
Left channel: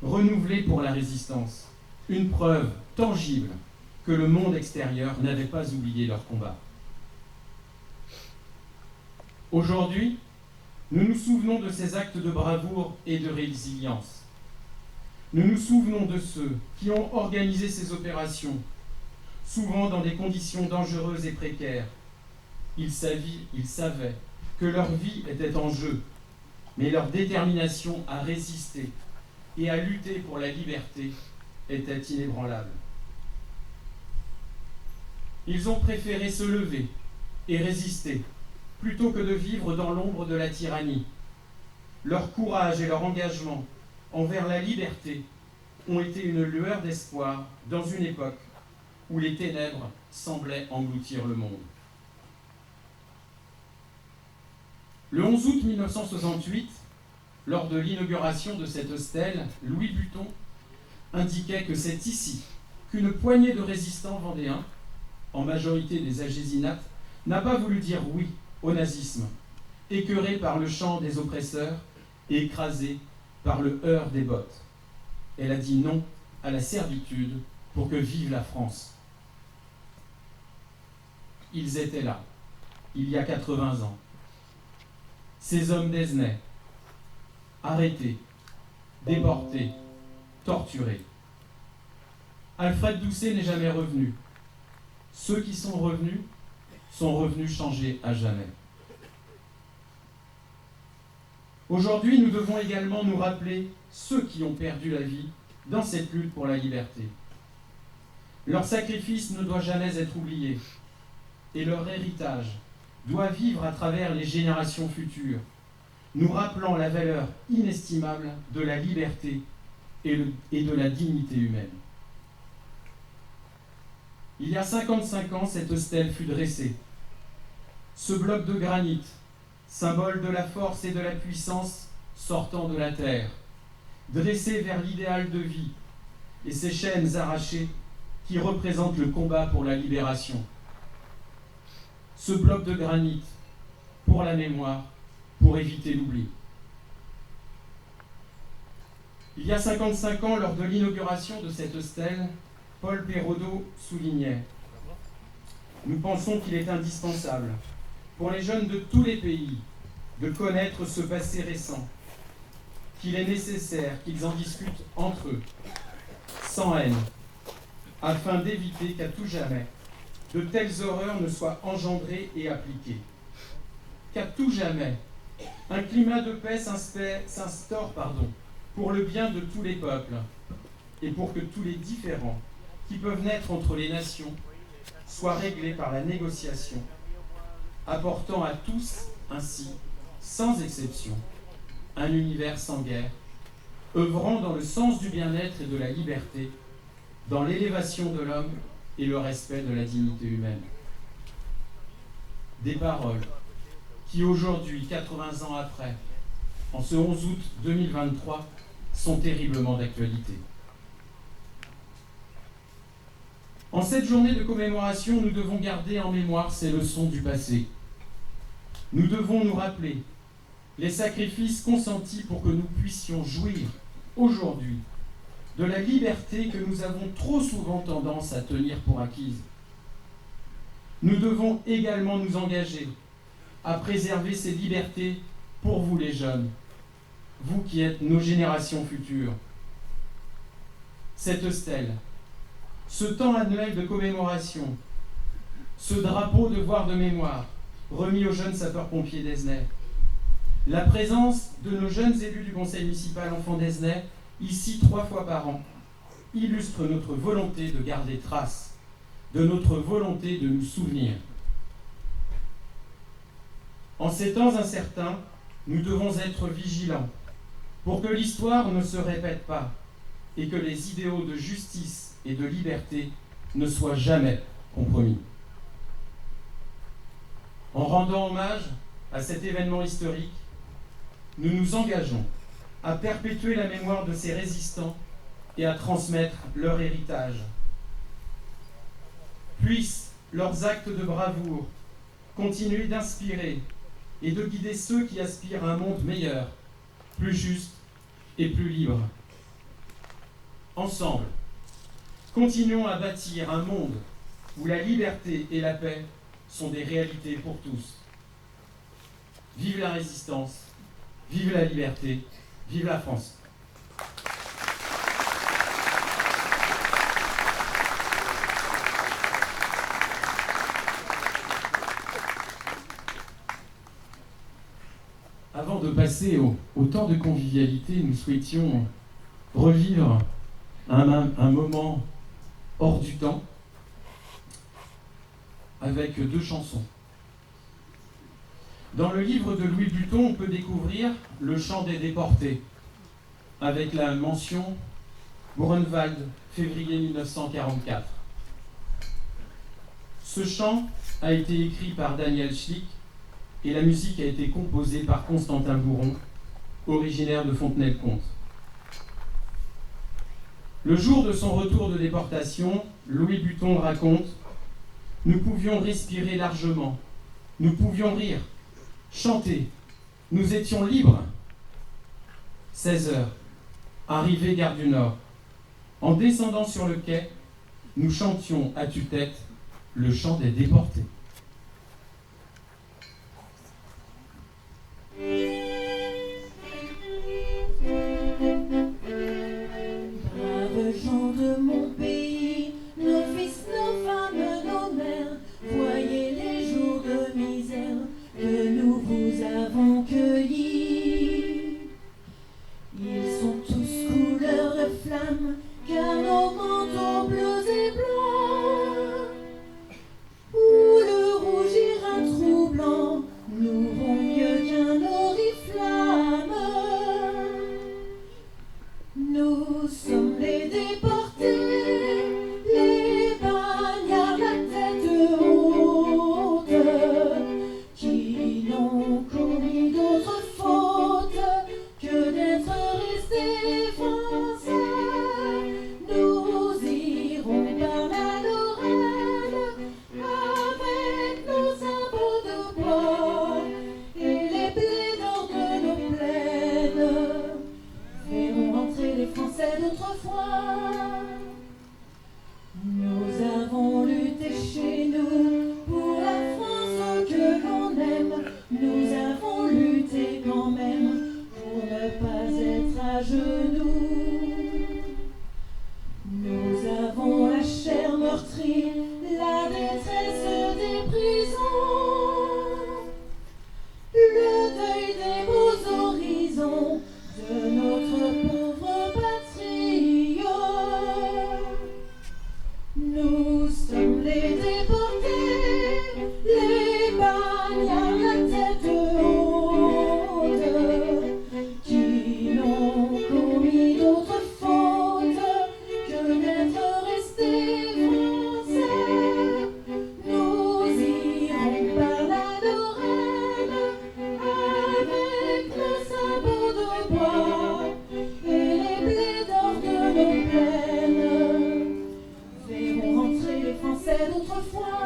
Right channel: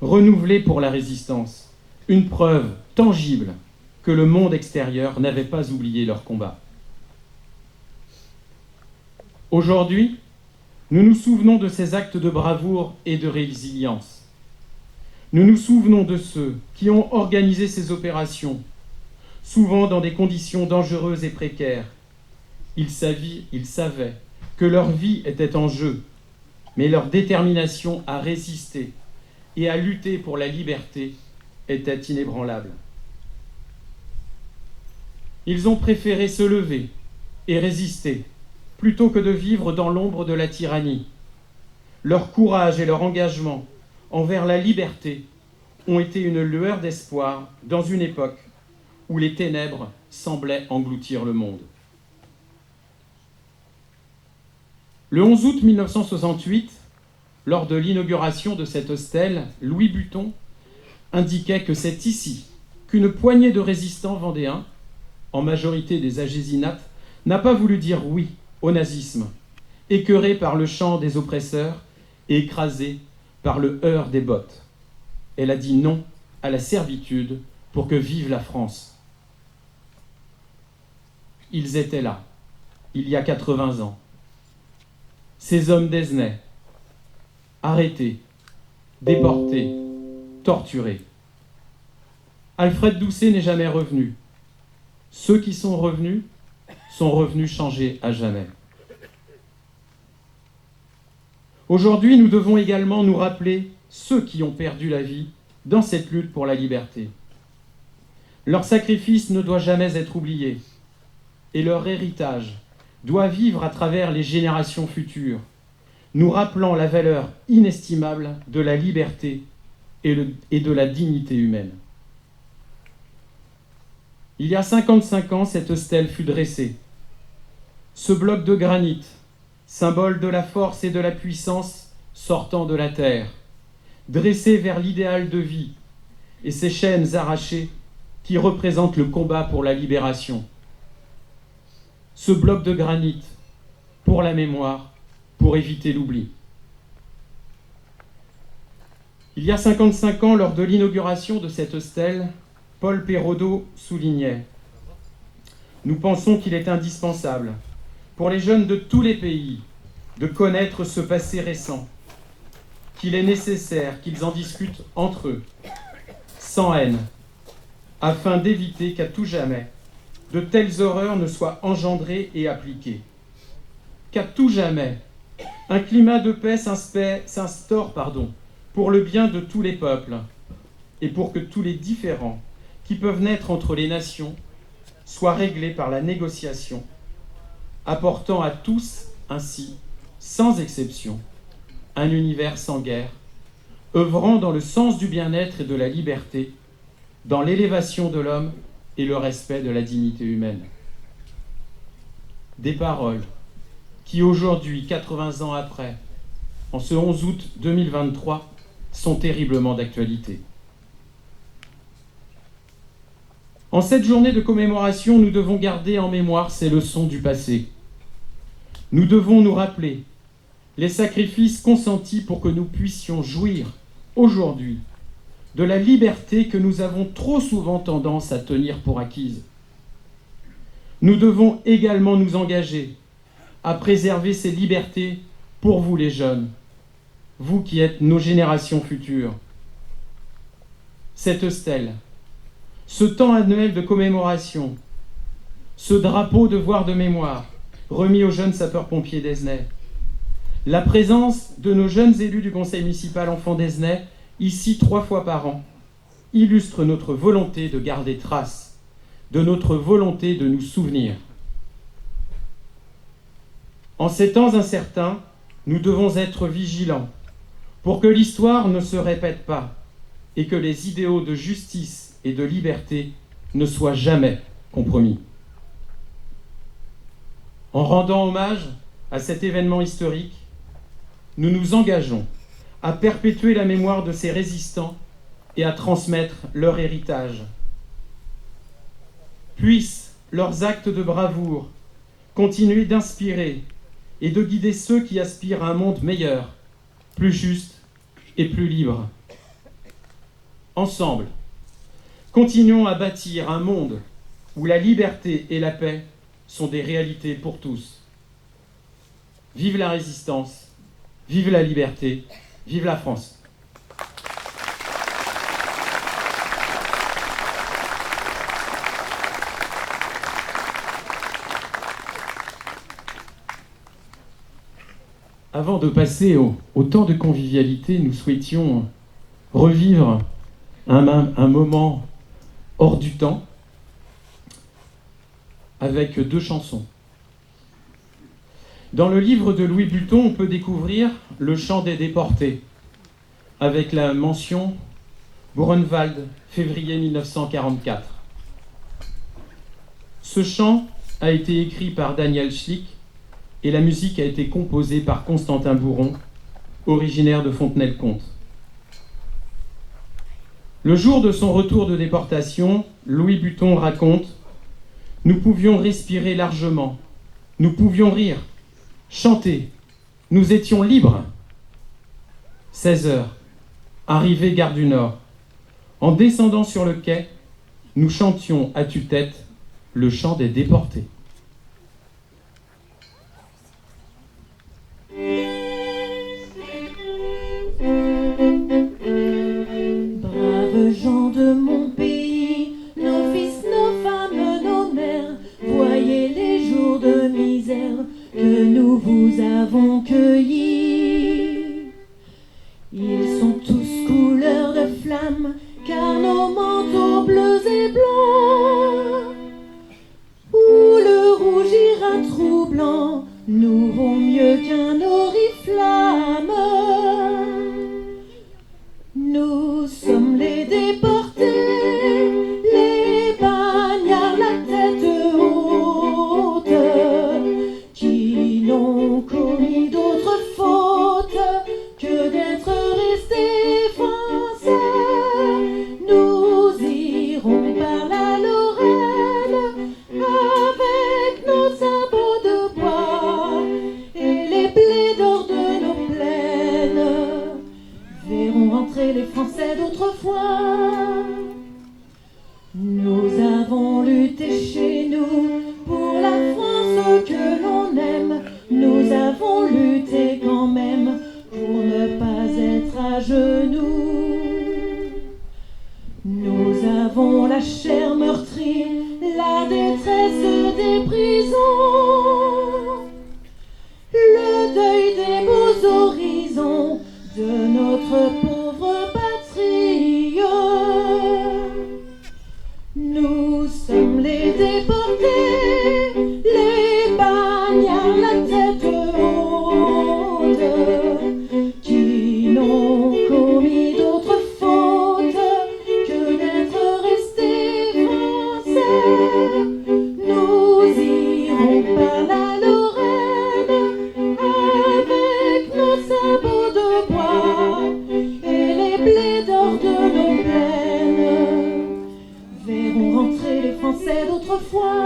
renouvelé pour la résistance, une preuve tangible que le monde extérieur n'avait pas oublié leur combat. Aujourd'hui, nous nous souvenons de ces actes de bravoure et de résilience. Nous nous souvenons de ceux qui ont organisé ces opérations, souvent dans des conditions dangereuses et précaires. Ils savaient que leur vie était en jeu, mais leur détermination à résister et à lutter pour la liberté était inébranlable. Ils ont préféré se lever et résister plutôt que de vivre dans l'ombre de la tyrannie. Leur courage et leur engagement envers la liberté ont été une lueur d'espoir dans une époque où les ténèbres semblaient engloutir le monde. Le 11 août 1968, lors de l'inauguration de cet hostel, Louis Buton indiquait que c'est ici qu'une poignée de résistants vendéens, en majorité des agésinates, n'a pas voulu dire oui au nazisme, écœuré par le chant des oppresseurs et écrasé par le heurt des bottes. Elle a dit non à la servitude pour que vive la France. Ils étaient là, il y a 80 ans. Ces hommes d'Esnay, arrêtés, déportés, torturés. Alfred Doucet n'est jamais revenu. Ceux qui sont revenus changés à jamais. Aujourd'hui, nous devons également nous rappeler ceux qui ont perdu la vie dans cette lutte pour la liberté. Leur sacrifice ne doit jamais être oublié et leur héritage doit vivre à travers les générations futures, nous rappelant la valeur inestimable de la liberté et de la dignité humaine. Il y a 55 ans, cet hostel fut dressé. Ce bloc de granit, symbole de la force et de la puissance sortant de la terre, dressé vers l'idéal de vie, et ces chaînes arrachées qui représentent le combat pour la libération. Ce bloc de granit, pour la mémoire, pour éviter l'oubli. Il y a 55 ans, lors de l'inauguration de cet hostel, Paul Perraudot soulignait « Nous pensons qu'il est indispensable pour les jeunes de tous les pays de connaître ce passé récent, qu'il est nécessaire qu'ils en discutent entre eux, sans haine, afin d'éviter qu'à tout jamais, de telles horreurs ne soient engendrées et appliquées. Qu'à tout jamais, un climat de paix s'instaure pour le bien de tous les peuples et pour que tous les différends qui peuvent naître entre les nations soient réglés par la négociation, apportant à tous ainsi, sans exception, un univers sans guerre, œuvrant dans le sens du bien-être et de la liberté, dans l'élévation de l'homme et le respect de la dignité humaine. » des paroles qui aujourd'hui, 80 ans après, en ce 11 août 2023, sont terriblement d'actualité. En cette journée de commémoration, nous devons garder en mémoire ces leçons du passé. Nous devons nous rappeler les sacrifices consentis pour que nous puissions jouir aujourd'hui de la liberté que nous avons trop souvent tendance à tenir pour acquise. Nous devons également nous engager à préserver ces libertés pour vous les jeunes, vous qui êtes nos générations futures. Cette stèle, ce temps annuel de commémoration, ce drapeau devoir de mémoire remis aux jeunes sapeurs-pompiers d'Aizenay, la présence de nos jeunes élus du conseil municipal enfants d'Aizenay, ici 3 fois par an, illustre notre volonté de garder trace, de notre volonté de nous souvenir. En ces temps incertains, nous devons être vigilants pour que l'histoire ne se répète pas et que les idéaux de justice et de liberté ne soient jamais compromis. En rendant hommage à cet événement historique, nous nous engageons à perpétuer la mémoire de ces résistants et à transmettre leur héritage. Puissent leurs actes de bravoure continuer d'inspirer et de guider ceux qui aspirent à un monde meilleur, plus juste et plus libre. Ensemble, continuons à bâtir un monde où la liberté et la paix sont des réalités pour tous. Vive la résistance, vive la liberté, vive la France. Avant de passer au temps de convivialité, nous souhaitions revivre un moment hors du temps avec 2 chansons. Dans le livre de Louis Buton, on peut découvrir le chant des déportés, avec la mention Buchenwald, février 1944. Ce chant a été écrit par Daniel Schlick et la musique a été composée par Constantin Bourron, originaire de Fontenay-le-Comte. Le jour de son retour de déportation, Louis Buton raconte « Nous pouvions respirer largement, nous pouvions rire, chanter, nous étions libres. » 16 heures, arrivée gare du Nord. En descendant sur le quai, nous chantions à tue-tête le chant des déportés. Braves gens de mon pays, nos fils, nos femmes, nos mères, voyez les jours de misère que nous vous avons cueillis. Ils sont tous couleur de flamme, car nos manteaux bleus et blancs, où le rouge ira troublant, nous vaut mieux qu'un oriflamme. Nous sommes les déportés, les bagnards la tête haute, qui n'ont commis d'autre faute que d'être restés français. Nous irons par la Lorraine avec nos sabots de bois et les blés d'or de nos plaines. Verrons entrer les Français d'autrefois. Nous avons lutté chez nous pour la France que l'on aime. Nous avons lutté quand même pour ne pas être à genoux. Nous avons la chair meurtrie, la détresse des prisons, le deuil des beaux horizons de notre pauvre patrie. Nous sommes les déportés, les bagnards la tête haute, qui n'ont commis d'autre faute que d'être restés français. Nous irons par la Français d'autrefois.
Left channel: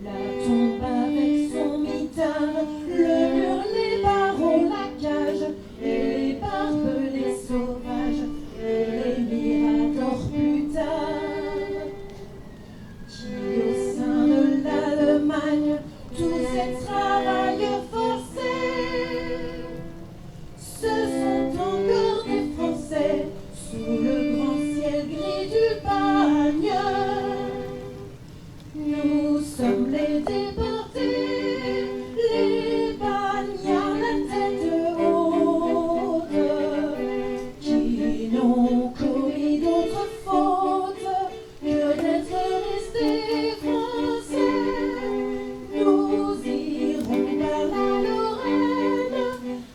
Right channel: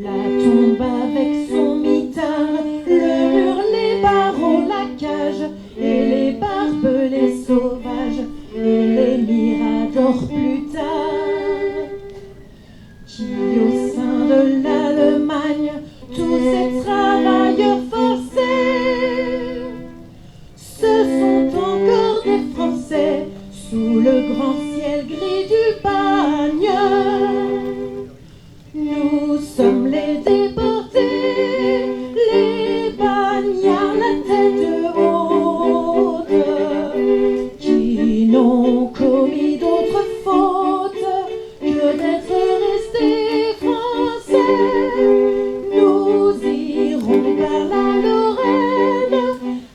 La tombe avec son mitard, le mur, les barreaux, la cage, et les barbelés sauvages, et les miradors plus tard. Qui au sein de l'Allemagne, tous ces travailleurs forcés, ce sont encore des Français sous le grand ciel gris du bagne. Nous sommes les déportés, les bagnards la tête haute, qui n'ont commis d'autre faute que d'être restés français. Nous irons par la Lorraine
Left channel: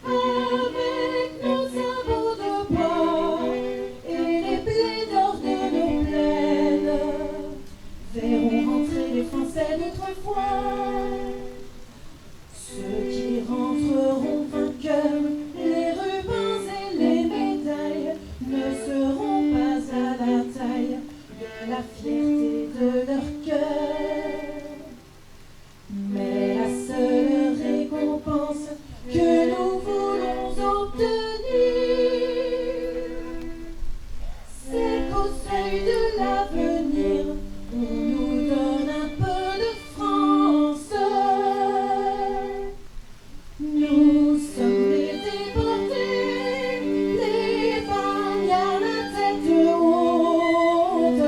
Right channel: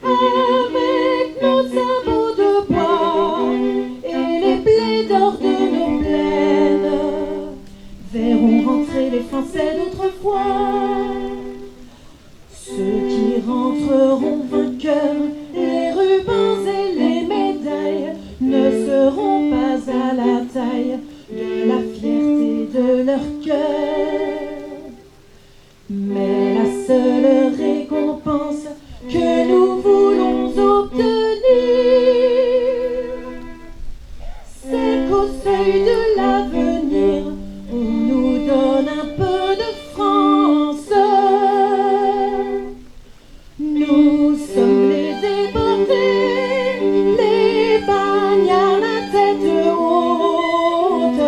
avec nos sabots de bois et les blés d'or de nos plaines. Verront rentrer les Français d'autrefois. Ceux qui rentreront vainqueurs, les rubans et les médailles ne seront pas à la taille de la fierté de leur cœur. Mais la seule récompense que nous voulons obtenir, c'est qu'au seuil de l'avenir, on nous donne un peu de France. Nous sommes les déportés, les bagnards la tête haute,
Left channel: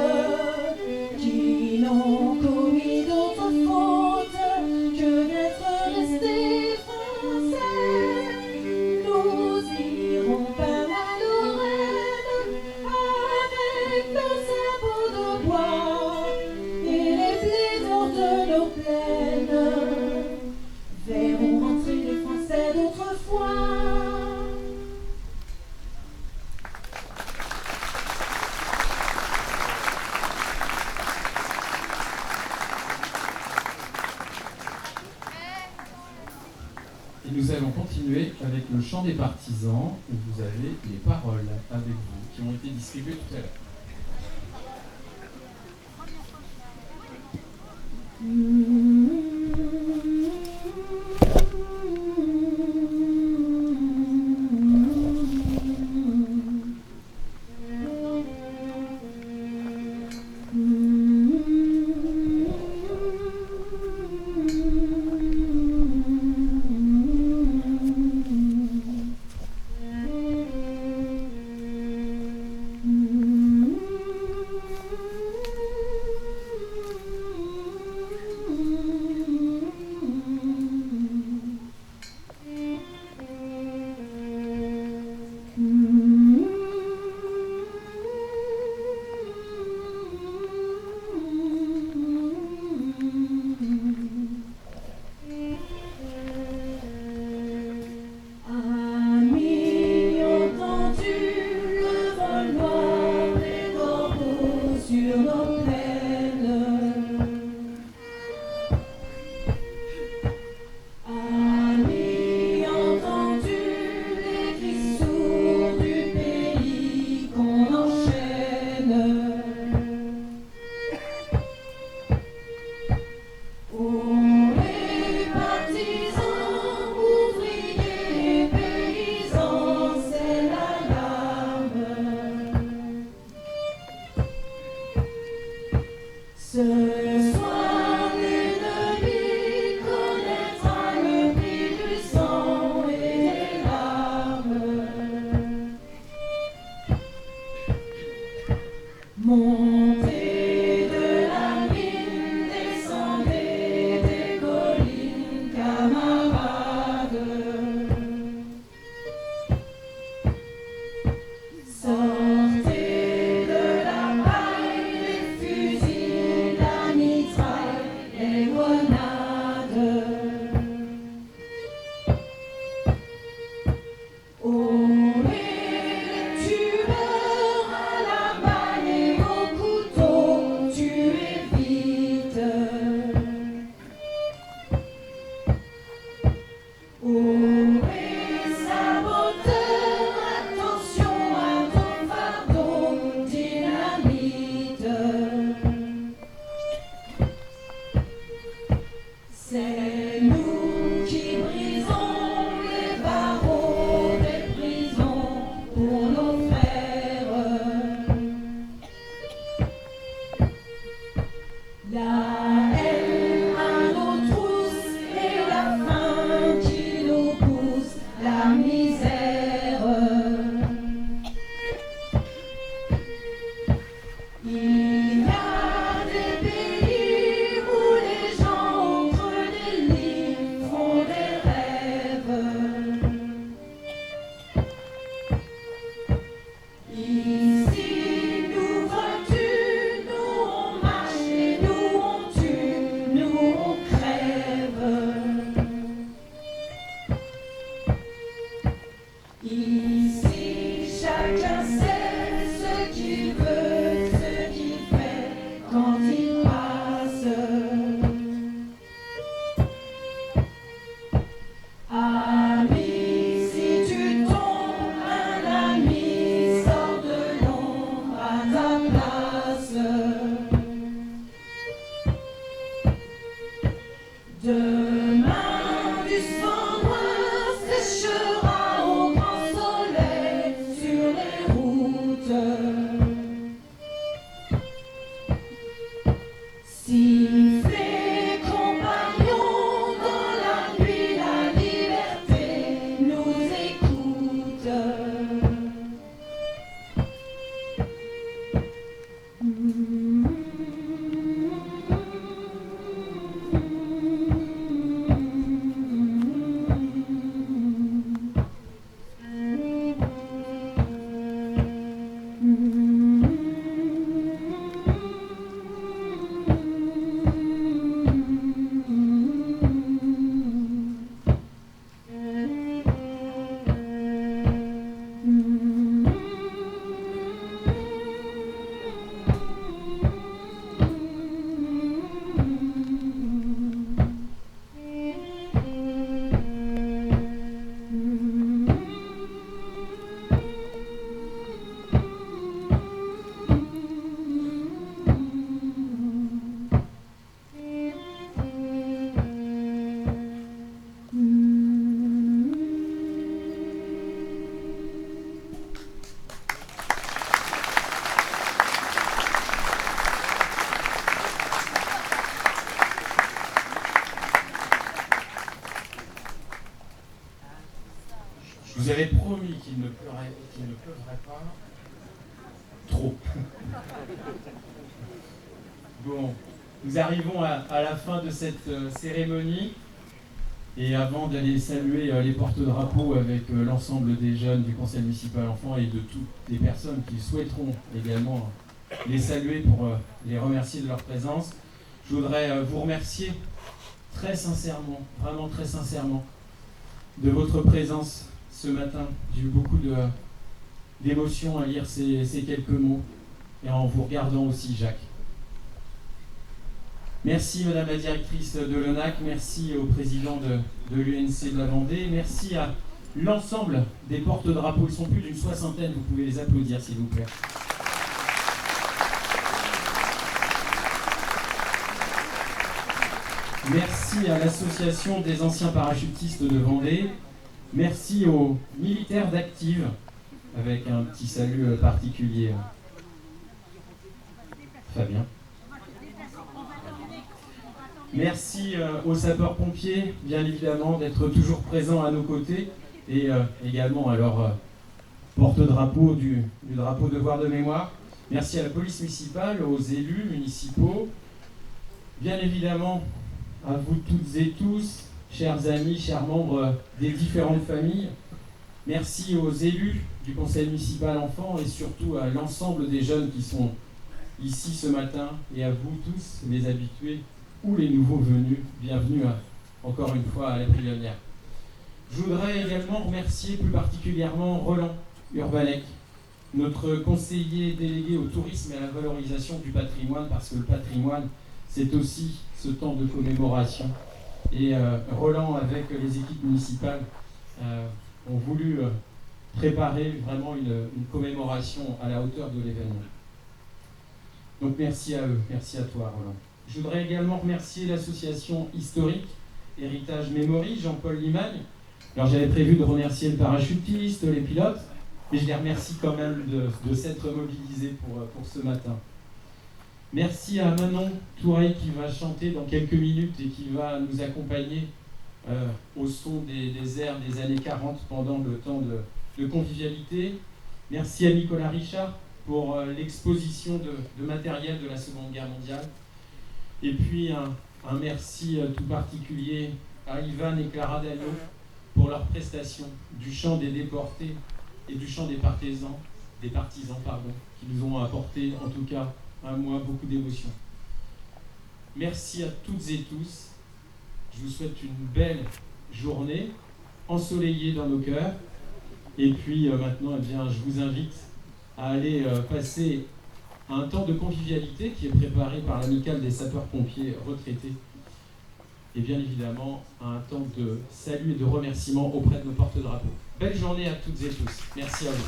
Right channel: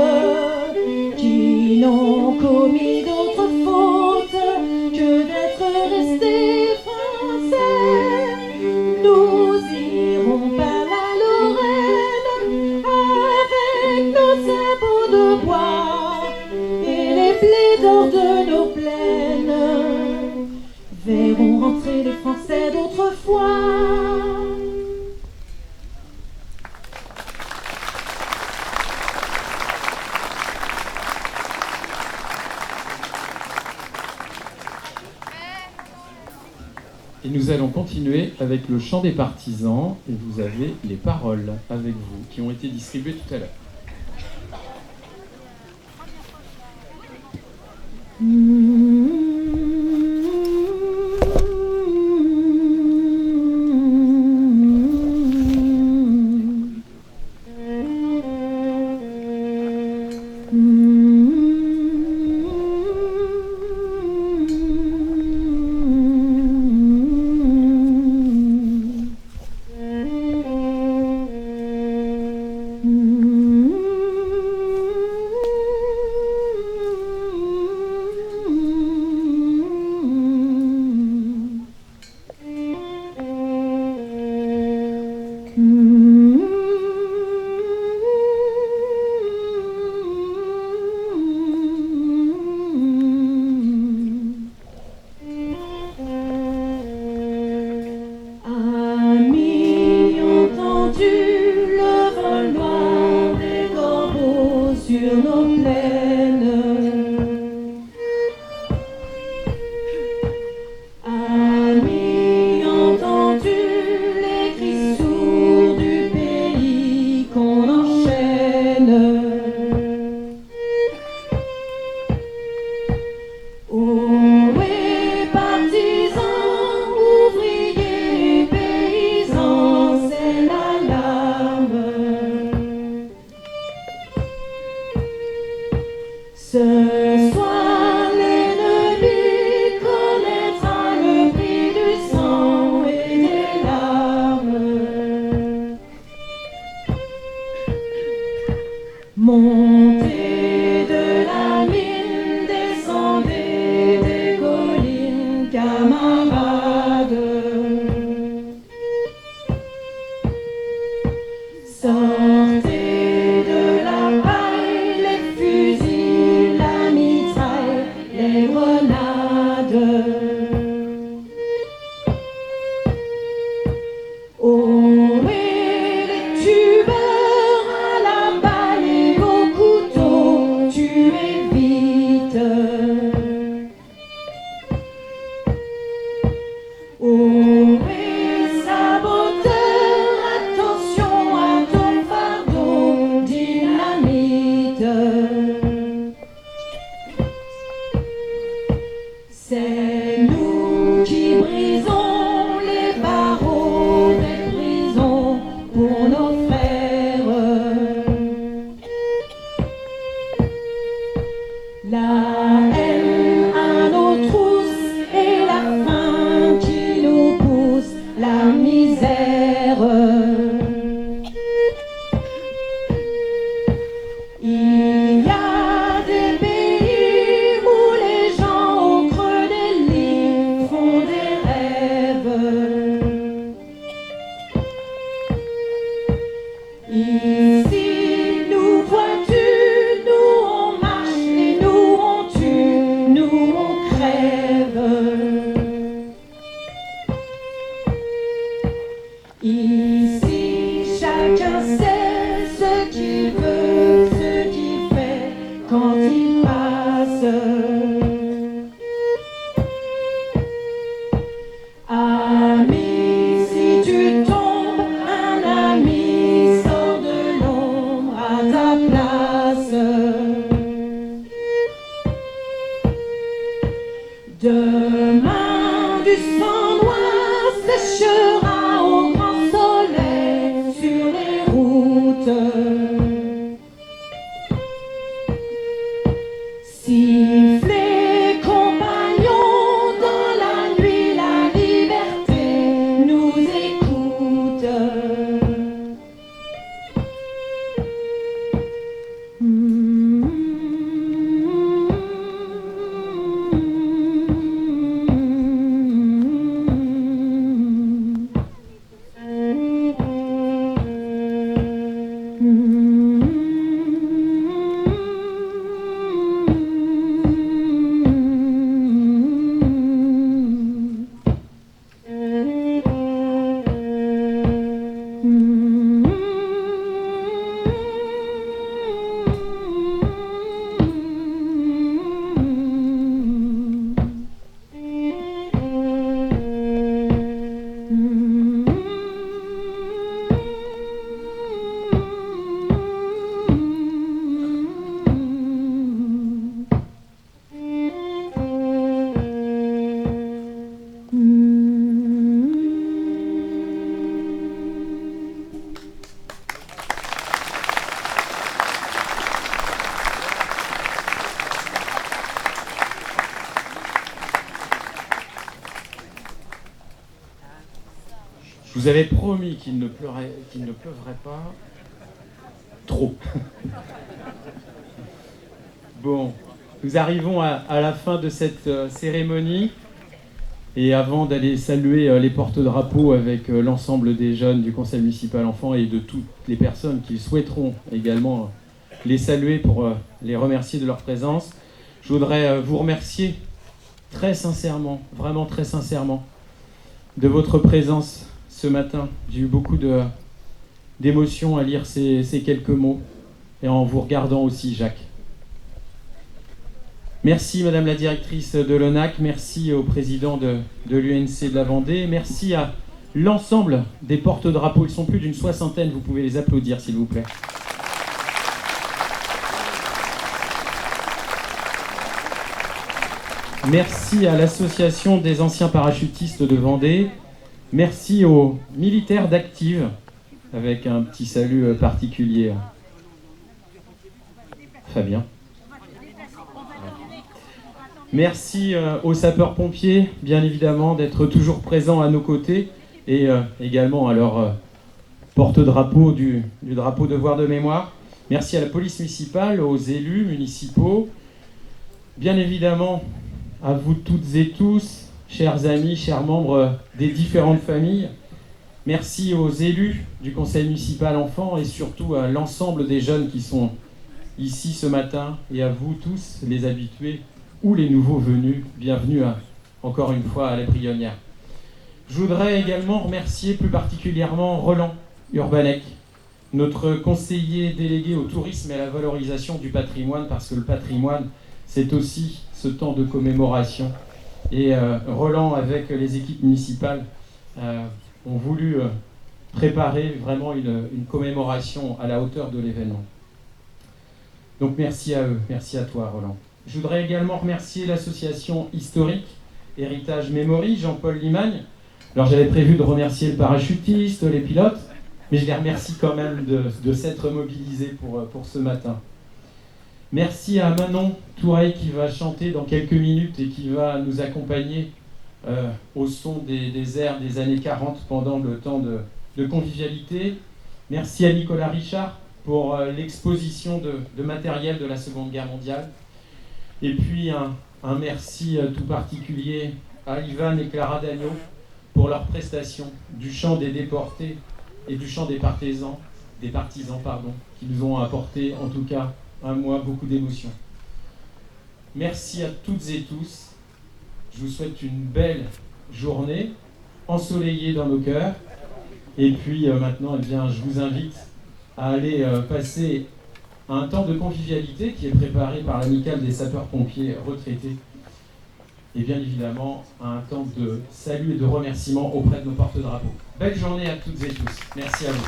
qui n'ont commis d'autre faute que d'être restés français. Nous irons par la Lorraine avec nos sabots de bois et les blés d'or de nos plaines. Verront rentrer les Français d'autrefois. Et nous allons continuer avec le chant des partisans, et vous avez les paroles avec vous qui ont été distribuées tout à l'heure. Sortez de la paille les fusils, la mitraille. La haine à nos trousses et la faim qui nous pousse, la misère. Il y a des pays où les gens au creux des lits font des rêves. Ici, nous vois-tu, nous on marche et nous on tue, nous on crève. Ici, chacun sait ce qu'il veut, ce qu'il fait quand il passe. Ami, si tu tombes, un ami sort de l'ombre à ta place. Demain, du sang noir séchera au grand soleil sur les routes. Sifflez, compagnons, dans la nuit, la liberté nous écoute. Je vous avais promis qu'il ne pleuvrait pas trop. Bon, nous arrivons à la fin de cette cérémonie. Et avant d'aller saluer les porte-drapeaux avec l'ensemble des jeunes du Conseil municipal enfants et de toutes les personnes qui souhaiteront également les saluer pour les remercier de leur présence, je voudrais vous remercier très sincèrement, vraiment très sincèrement, de votre présence ce matin. J'ai eu beaucoup d'émotions à lire ces quelques mots et en vous regardant aussi, Jacques. Merci Madame la directrice de l'ONAC, merci au président de l'UNC de la Vendée, merci à l'ensemble des porte-drapeaux, ils sont plus d'une soixantaine, vous pouvez les applaudir s'il vous plaît. Merci à l'association des anciens parachutistes de Vendée, merci aux militaires d'Active, avec un petit salut particulier. Fabien. Merci aux sapeurs-pompiers, bien évidemment, d'être toujours présents à nos côtés et également à leur porte-drapeau du drapeau devoir de mémoire. Merci à la police municipale, aux élus municipaux, bien évidemment à vous toutes et tous, chers amis, chers membres des différentes familles. Merci aux élus du conseil municipal enfants et surtout à l'ensemble des jeunes qui sont ici ce matin et à vous tous, les habitués ou les nouveaux venus, bienvenue encore une fois à la Brionnière. Je voudrais également remercier plus particulièrement Roland Urbanec, notre conseiller délégué au tourisme et à la valorisation du patrimoine, parce que le patrimoine, c'est aussi ce temps de commémoration. Et Roland, avec les équipes municipales, ont voulu préparer vraiment une commémoration à la hauteur de l'événement. Donc merci à eux, merci à toi Roland. Je voudrais également remercier l'association historique Héritage Memory, Jean-Paul Limagne. Alors j'avais prévu de remercier le parachutiste, les pilotes, mais je les remercie quand même de s'être mobilisés pour ce matin. Merci à Manon Toureille qui va chanter dans quelques minutes et qui va nous accompagner au son des airs des années 40 pendant le temps de convivialité. Merci à Nicolas Richard pour l'exposition de matériel de la Seconde Guerre mondiale. Et puis un merci tout particulier à Ivan et Clara Dagno pour leur prestation du chant des déportés et du chant des partisans, qui nous ont apporté en tout cas à moi beaucoup d'émotions. Merci à toutes et tous. Je vous souhaite une belle journée, ensoleillée dans nos cœurs. Et puis maintenant, eh bien, je vous invite à aller passer un temps de convivialité qui est préparé par l'amicale des sapeurs-pompiers retraités. Et bien évidemment, un temps de salut et de remerciement auprès de nos porte-drapeaux. Belle journée à toutes et tous. Merci à vous.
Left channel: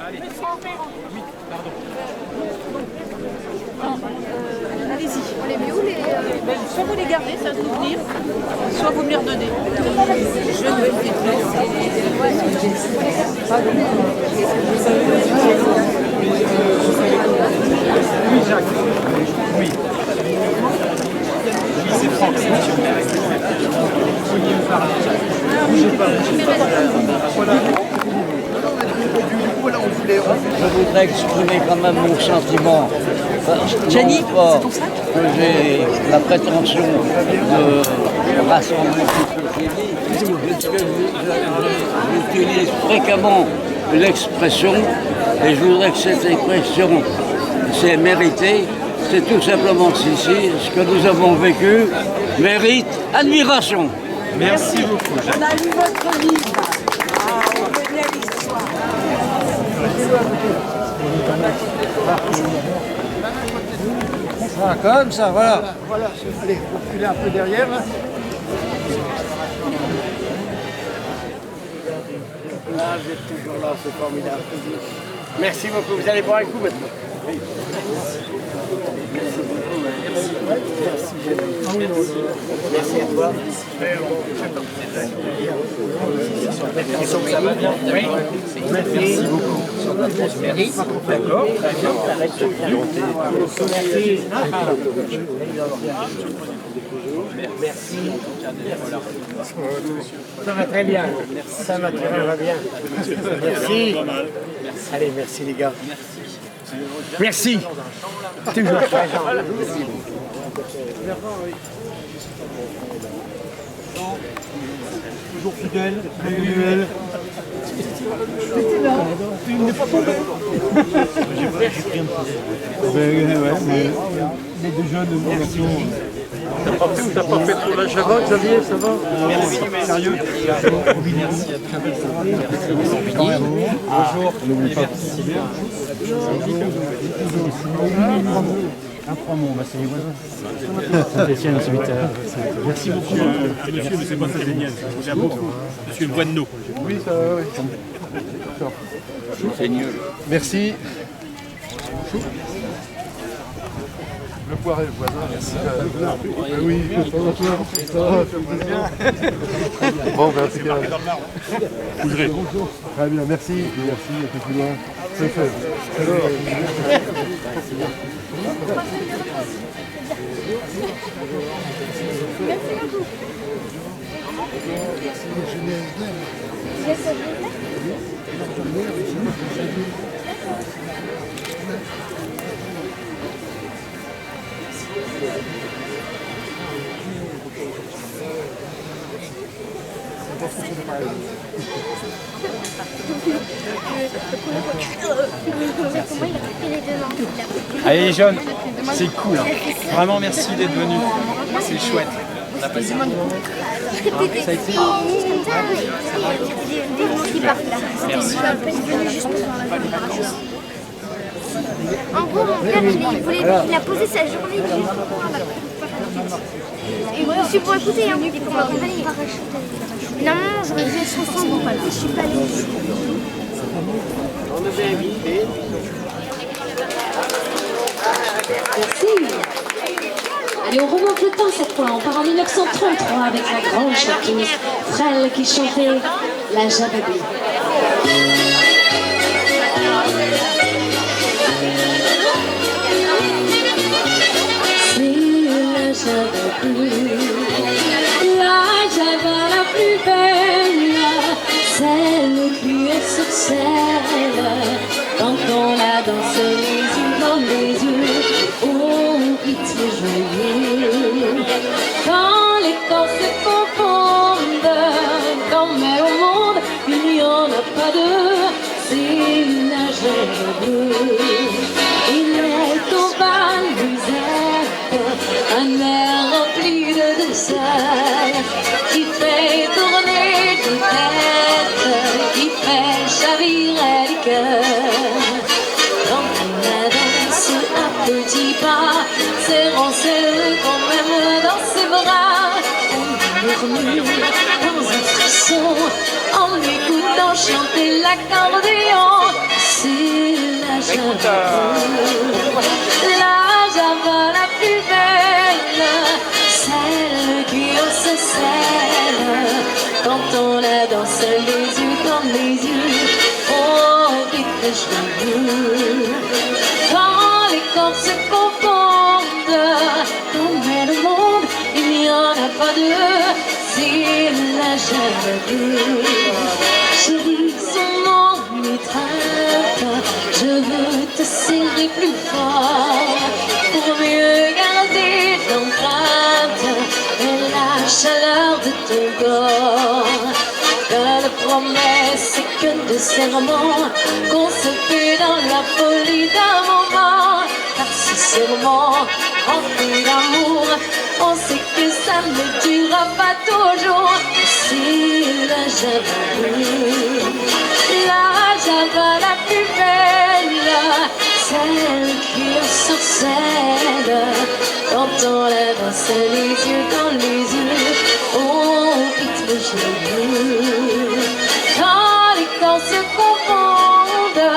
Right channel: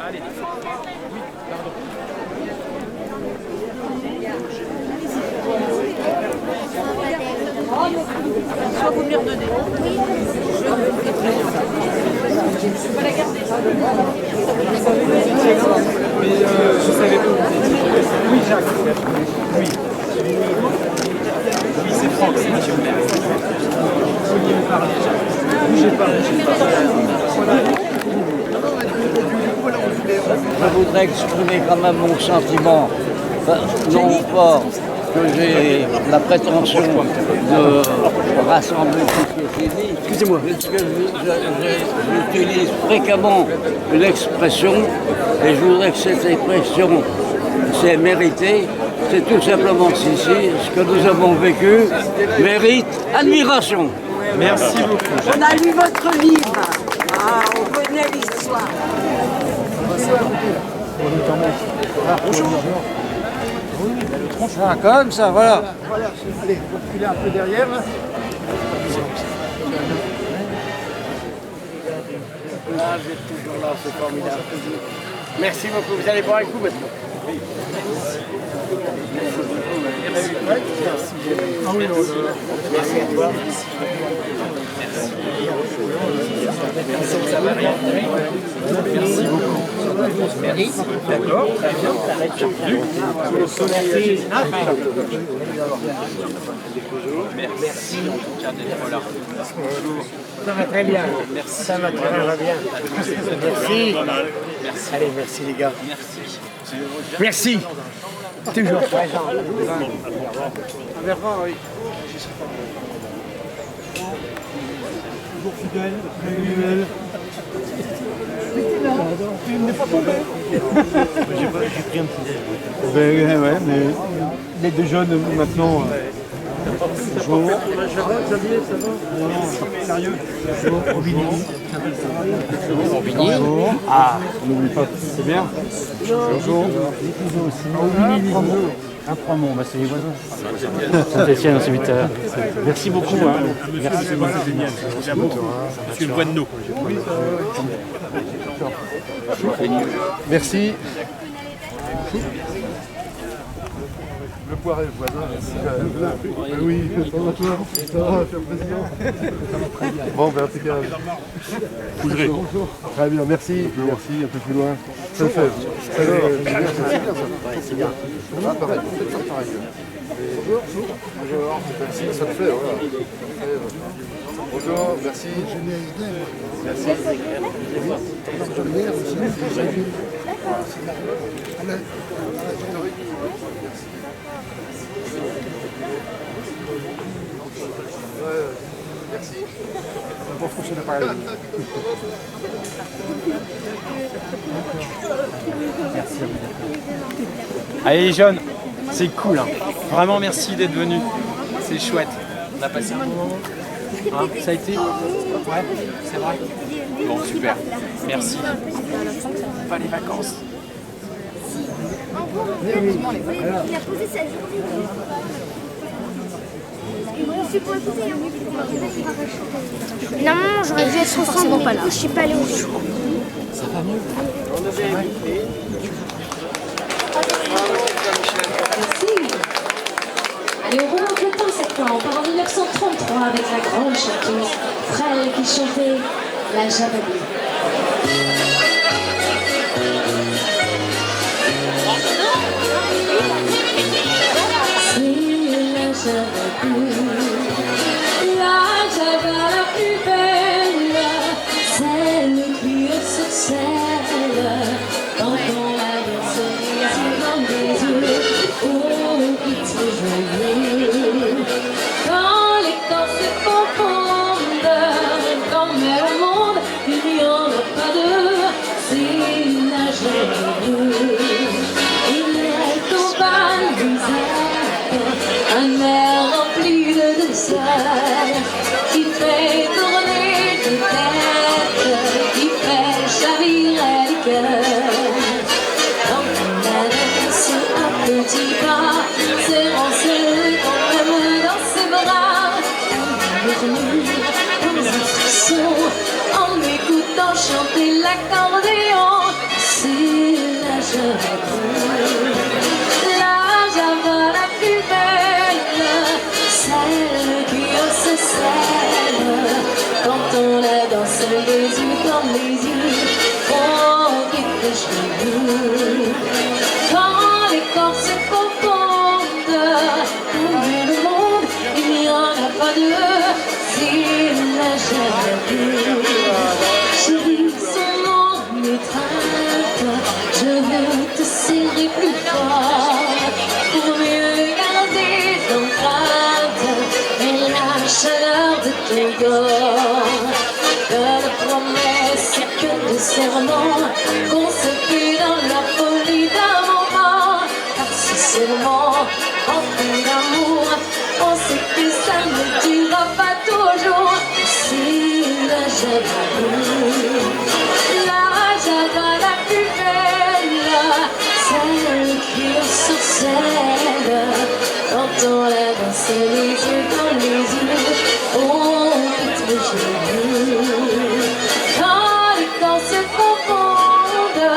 Allez. Oui, pardon. Allez-y. Soit vous les gardez, ça vous dire, soit vous me les redonnez. Je vais les Oui, Jacques. Oui. Oui, c'est Franck, c'est monsieur le maire. Vous vouliez me parler, Jacques. Bougez pas. Voilà. Je voudrais exprimer quand même mon sentiment, non pas que j'ai la prétention de rassembler tout ce qui est dit, parce que j'utilise fréquemment l'expression, et je voudrais que cette expression, c'est mérité, c'est tout simplement ceci, ce que nous avons vécu mérite admiration. Merci beaucoup, Jacques. On a lu votre livre. Ah, on connaît l'histoire. Ah, comme ça, voilà. Voilà, allez, vous reculez un peu derrière. Là. Ah, vous êtes toujours là, c'est formidable. Merci beaucoup. Vous allez boire un coup maintenant. Oui. Merci. Merci à toi. Merci beaucoup. D'accord, très bien. Merci en tout cas d'être là. Ça va très bien. Merci. Ça va très bien. Merci. Allez, merci les gars. Merci. Toujours présent. Toujours fidèle, régulier. Il n'est pas tombé. J'ai pris un petit. Ouais, mais les deux jeunes maintenant. T'as pas fait trop la Java, Xavier, ça va? Non, sérieux. Ah, on n'oublie pas. C'est bien. Bonjour. Un promo, bah c'est les voisins. Saint-Etienne, c'est 8 heures. Merci beaucoup. Monsieur, c'est pas ça génial. C'est beau. Monsieur le Guanno. Oui, ça oui. Merci. Le poiret, le voisin. Oui, ça va, bien. Bon, ben, en tout cas. Bougerez. Très bien, merci. Merci, un peu plus loin. C'est fait. Alors, c'est bien. Bonjour, merci, ça le fait. Bonjour, merci. Allez les jeunes, c'est cool. Hein. Vraiment merci d'être venus. C'est chouette. On a passé un bon moment. Hein, ça a été. Ouais, c'est vrai. Bon, super. Merci. Pas les vacances. En gros, mon père, il a posé sa journée. suis pour écouter, hein. Non, j'aurais dû être au centre, pas là. Je suis pas allée au show. On devait inviter. Merci. Allez, on remonte le temps cette fois. On part en 1933 avec la grande chanteuse Frêle qui chantait la Javabie. La java la plus belle, celle qui est sur celle, quand on la danse les yeux dans les yeux, au rythme joyeux. Quand les corps se confondent, comme elle au monde, il n'y en a pas deux, c'est une nageur bleue. Il est au bal musette, un air rempli de douceur, qui fait tourner de tête, qui fait chavirer les cœurs. Quand on la danse à petits pas, serrant-se quand même dans ses bras, on murmure dans un frisson, en écoutant chanter l'accordéon. C'est la java, la plus belle, celle qui hausse celle, quand on la danse les yeux dans les yeux, au rythme joyeux. Quand les corps se confondent, comme est le monde, il n'y en a pas deux, c'est la java. Chérie, son nom m'étreinte, je veux te serrer plus fort, pour mieux garder l'empreinte et la chaleur de ton corps. Que de promesses et que de serments qu'on se fait dans la folie d'un moment. Car ce serment rempli d'amour, on sait que ça ne durera pas toujours. C'est la java, la plus belle, celle qui est sur celle, quand on la danse les yeux dans les yeux, au rythme joyeux. Quand les corps se confondent,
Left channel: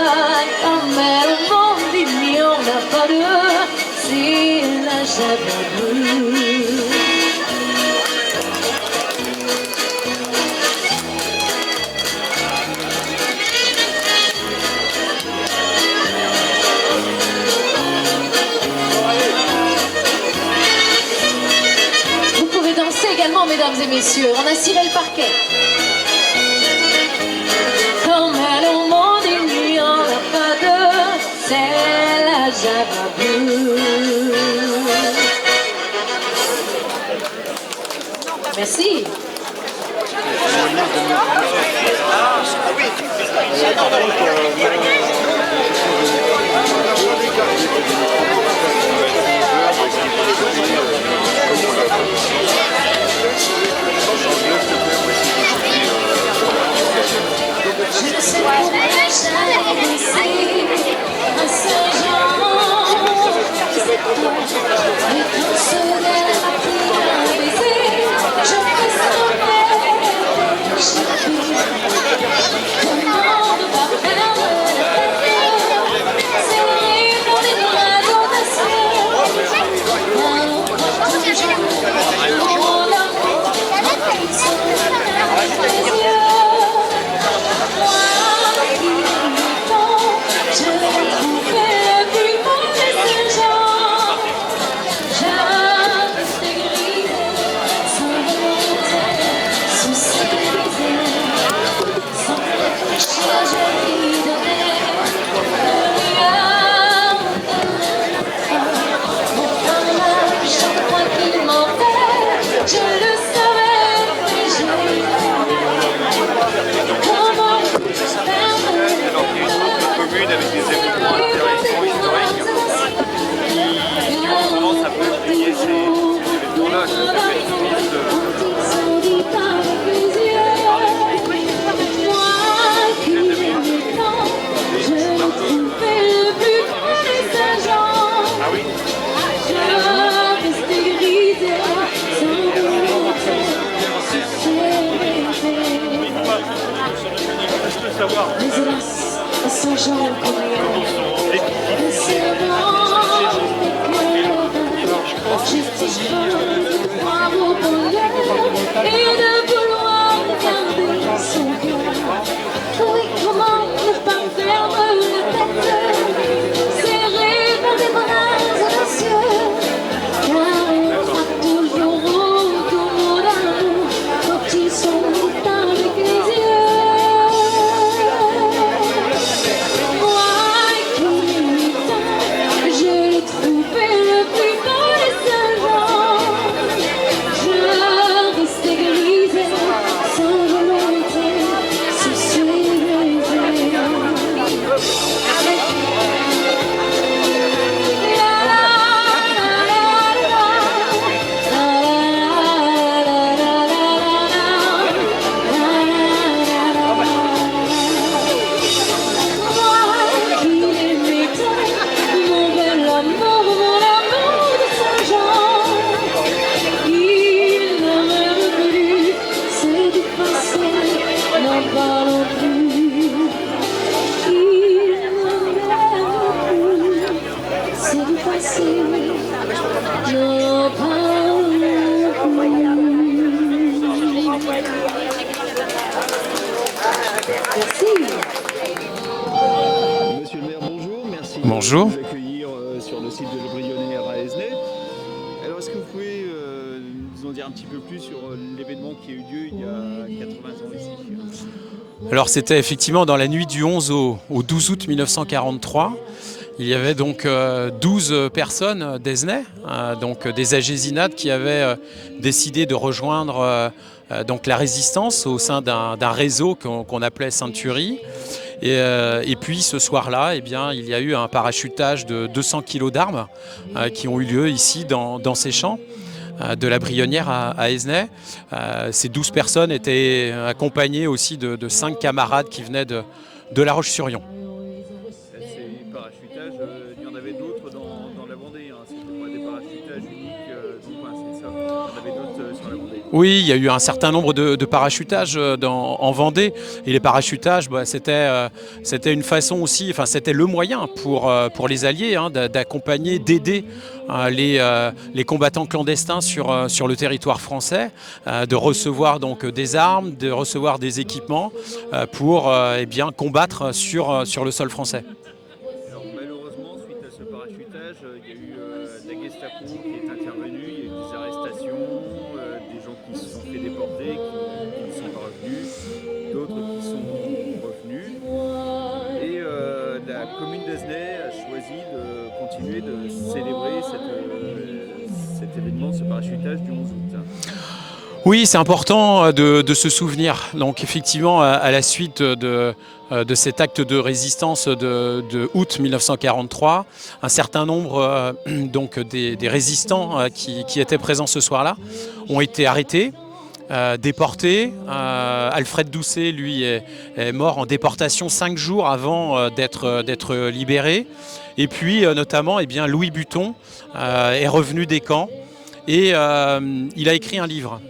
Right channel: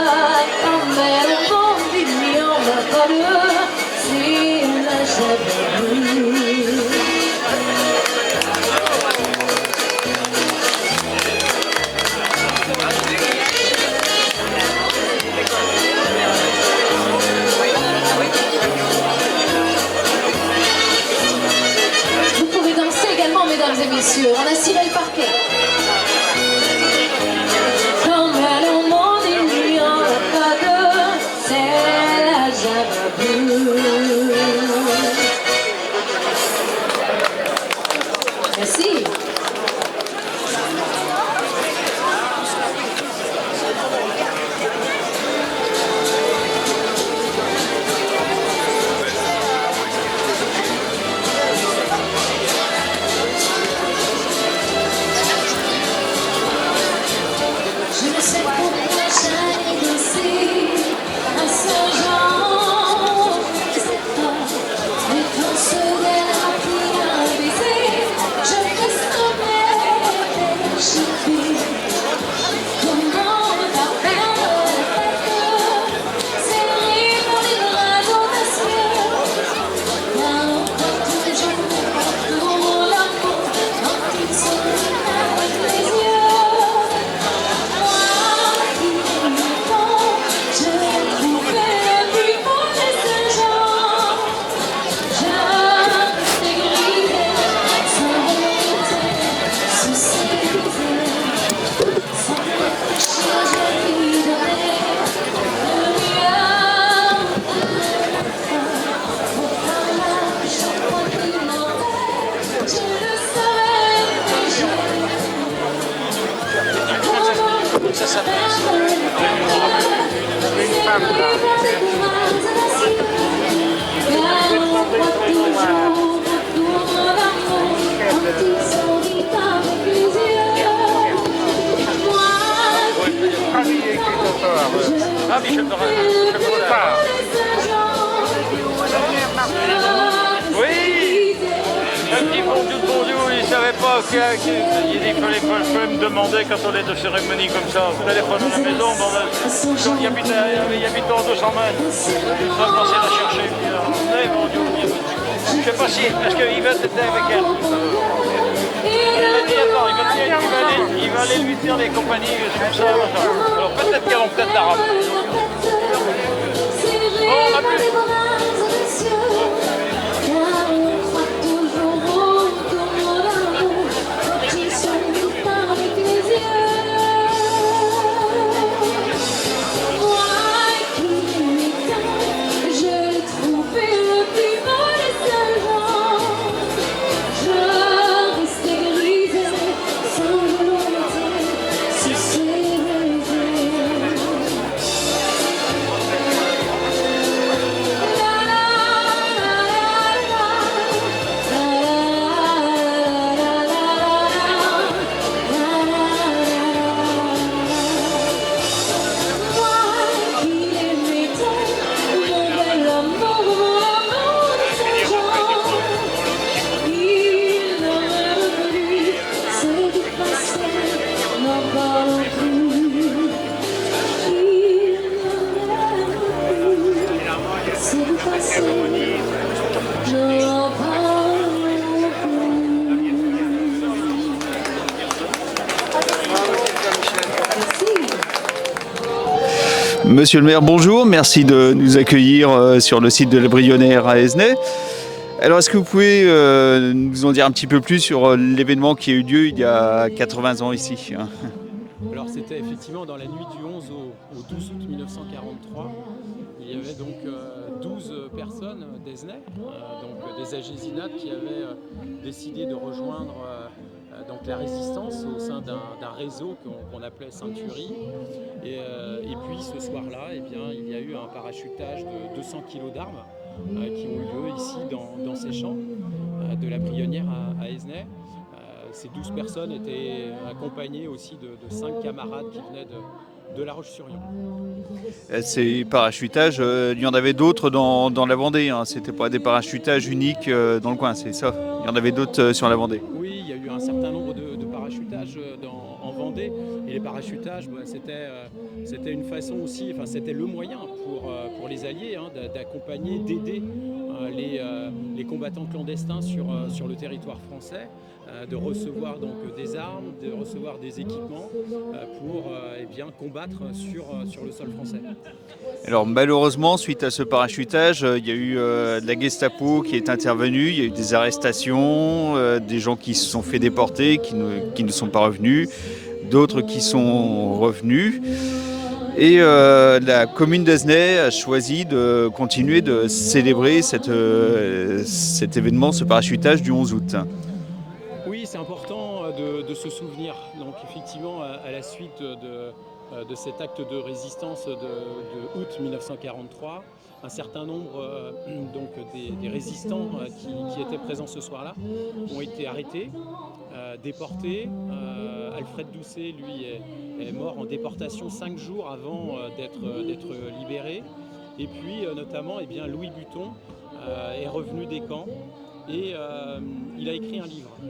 comme elle au monde, il n'y en a pas deux, c'est la java. Mesdames et messieurs, on a ciré le parquet. Comme elle au monde, il n'y en a pas deux, c'est la java bleue. Merci. Je ne sais pourquoi j'ai laissé un Saint-Jean, c'est toi, mais quand ce l'air a pris un baiser, je fais sommeil, je fais comment ne pas perdre sans jamais un serment que je crois au bonheur et de vouloir garder son cœur. Comment ne pas perdre la tête, serrée par des bras audacieux, car on croit toujours au tourment d'amour quand ils sont avec les yeux. Moi qui m'éteins, je l'ai trouvé le plus beau des sergents. Je restais grisée sans volonté, sous ses baisers. Moi qui l'aimais tant, mon bel amour, mon amour de Saint-Jean, il ne m'aime plus, c'est du passé, n'en parlons plus. Il ne m'aime plus, c'est du passé, n'en parlons plus. Merci. Monsieur le maire, bonjour. Merci de nous accueillir sur le site de la Brionnaire à Aisne. Alors, est-ce que vous pouvez nous en dire un petit peu plus sur l'événement qui a eu lieu il y a 80 ans ici? Alors c'était effectivement dans la nuit du 11 au 12 août 1943. Il y avait donc 12 personnes d'Aisne, donc des agésinades qui avaient décidé de rejoindre donc la résistance au sein d'un réseau qu'on appelait Sainte-Turie. Et puis ce soir-là, eh bien, il y a eu un parachutage de 200 kg d'armes qui ont eu lieu ici dans ces champs de la Brionnaire à Aisne. Ces 12 personnes étaient accompagnées aussi de 5 camarades qui venaient de La Roche-sur-Yon. Ces parachutages, il y en avait d'autres dans la Vendée, hein. C'était pas des parachutages uniques dans le coin, c'est ça? Il y en avait d'autres sur la Vendée? Oui, il y a eu un certain nombre de parachutages en Vendée. Et les parachutages, c'était une façon aussi, enfin c'était le moyen pour les Alliés d'accompagner, d'aider les combattants clandestins sur le territoire français, de recevoir donc des armes, de recevoir des équipements pour combattre sur le sol français. Alors malheureusement, suite à ce parachutage, il y a eu la Gestapo qui est intervenue, il y a eu des arrestations, des gens qui se sont fait déporter, qui ne sont pas revenus, d'autres qui sont revenus. Et la commune d'Aisne a choisi de continuer de célébrer cet événement, ce parachutage du 11 août. Oui, c'est important de se souvenir. Donc effectivement, à la suite de cet acte de résistance de août 1943, un certain nombre donc des résistants qui étaient présents ce soir-là ont été arrêtés, déportés. Alfred Doucet, lui, est mort en déportation 5 jours avant d'être libéré. Et puis notamment, Louis Buton est revenu des camps. Et il a écrit un livre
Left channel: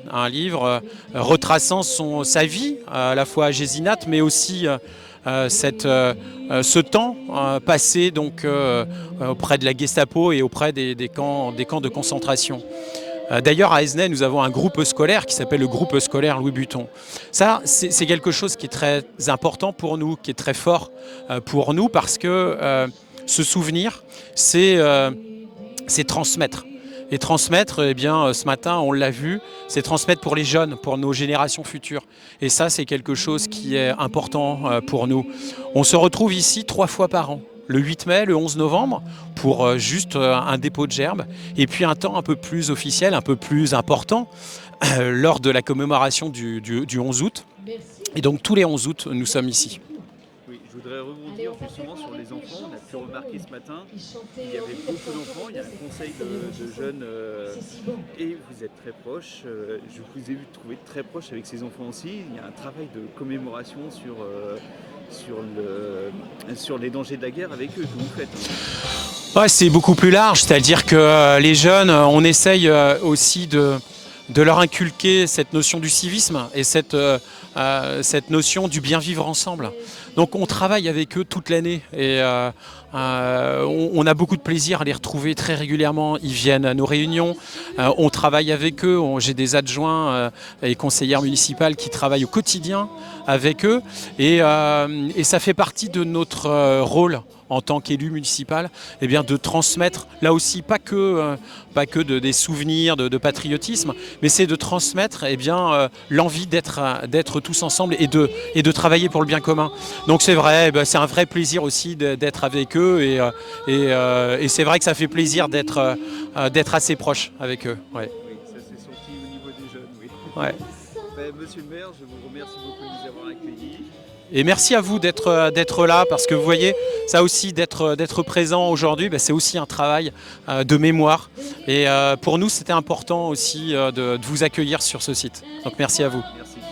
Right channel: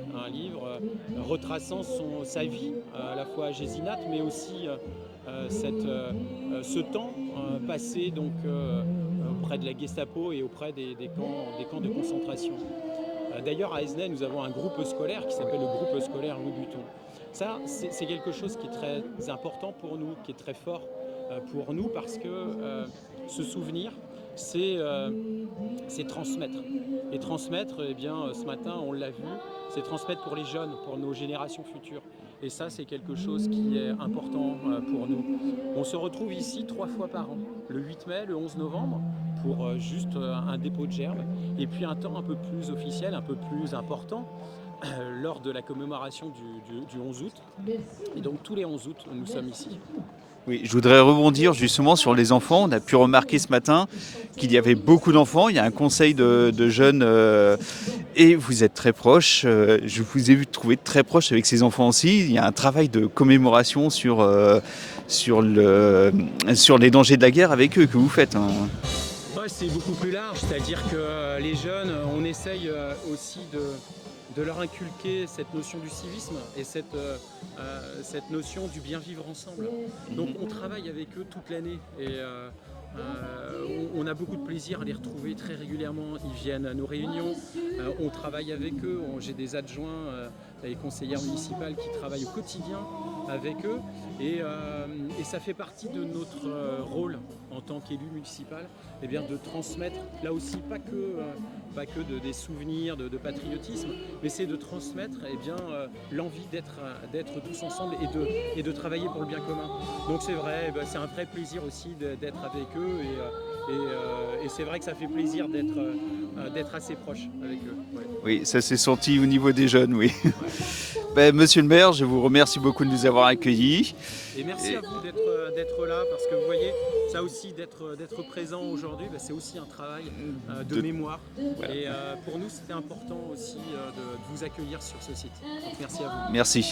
retraçant sa vie, à la fois à Gésinat, mais aussi ce temps passé donc, auprès de la Gestapo et auprès des camps de concentration. D'ailleurs, à Aisne, nous avons un groupe scolaire qui s'appelle le groupe scolaire Louis Buton. Ça, c'est quelque chose qui est très important pour nous, qui est très fort pour nous, parce que ce souvenir, c'est transmettre. Et transmettre, ce matin, on l'a vu, c'est transmettre pour les jeunes, pour nos générations futures. Et ça, c'est quelque chose qui est important pour nous. On se retrouve ici 3 fois par an, le 8 mai, le 11 novembre, pour juste un dépôt de gerbes, et puis un temps un peu plus officiel, un peu plus important, lors de la commémoration du 11 août. Et donc tous les 11 août, nous sommes ici. Oui, je voudrais rebondir justement sur les enfants. On a pu remarquer ce matin qu'il y avait beaucoup d'enfants. Il y a un conseil de jeunes et vous êtes très proches. Je vous ai vu trouver très proche avec ces enfants aussi. Il y a un travail de commémoration sur les dangers de la guerre avec eux que vous faites. Ouais, c'est beaucoup plus large. C'est-à-dire que les jeunes, on essaye aussi de leur inculquer cette notion du civisme et cette notion du bien vivre ensemble. Donc on travaille avec eux toute l'année et on a beaucoup de plaisir à les retrouver très régulièrement. Ils viennent à nos réunions, on travaille avec eux, j'ai des adjoints et conseillères municipales qui travaillent au quotidien avec eux et ça fait partie de notre rôle en tant qu'élu municipal, eh bien, de transmettre, là aussi, pas que des souvenirs de patriotisme, mais c'est de transmettre eh bien, l'envie d'être tous ensemble et de travailler pour le bien commun. Donc c'est vrai, c'est un vrai plaisir aussi d'être avec eux et c'est vrai que ça fait plaisir d'être assez proche avec eux. Ouais. Oui, ça s'est senti au niveau des jeunes, oui. Ouais. Monsieur le maire, je vous remercie beaucoup de nous avoir accueillis. Et merci à vous d'être là, parce que vous voyez, ça aussi, d'être présent aujourd'hui, c'est aussi un travail de mémoire. Et pour nous, c'était important aussi de vous accueillir sur ce site. Donc merci à vous. Merci.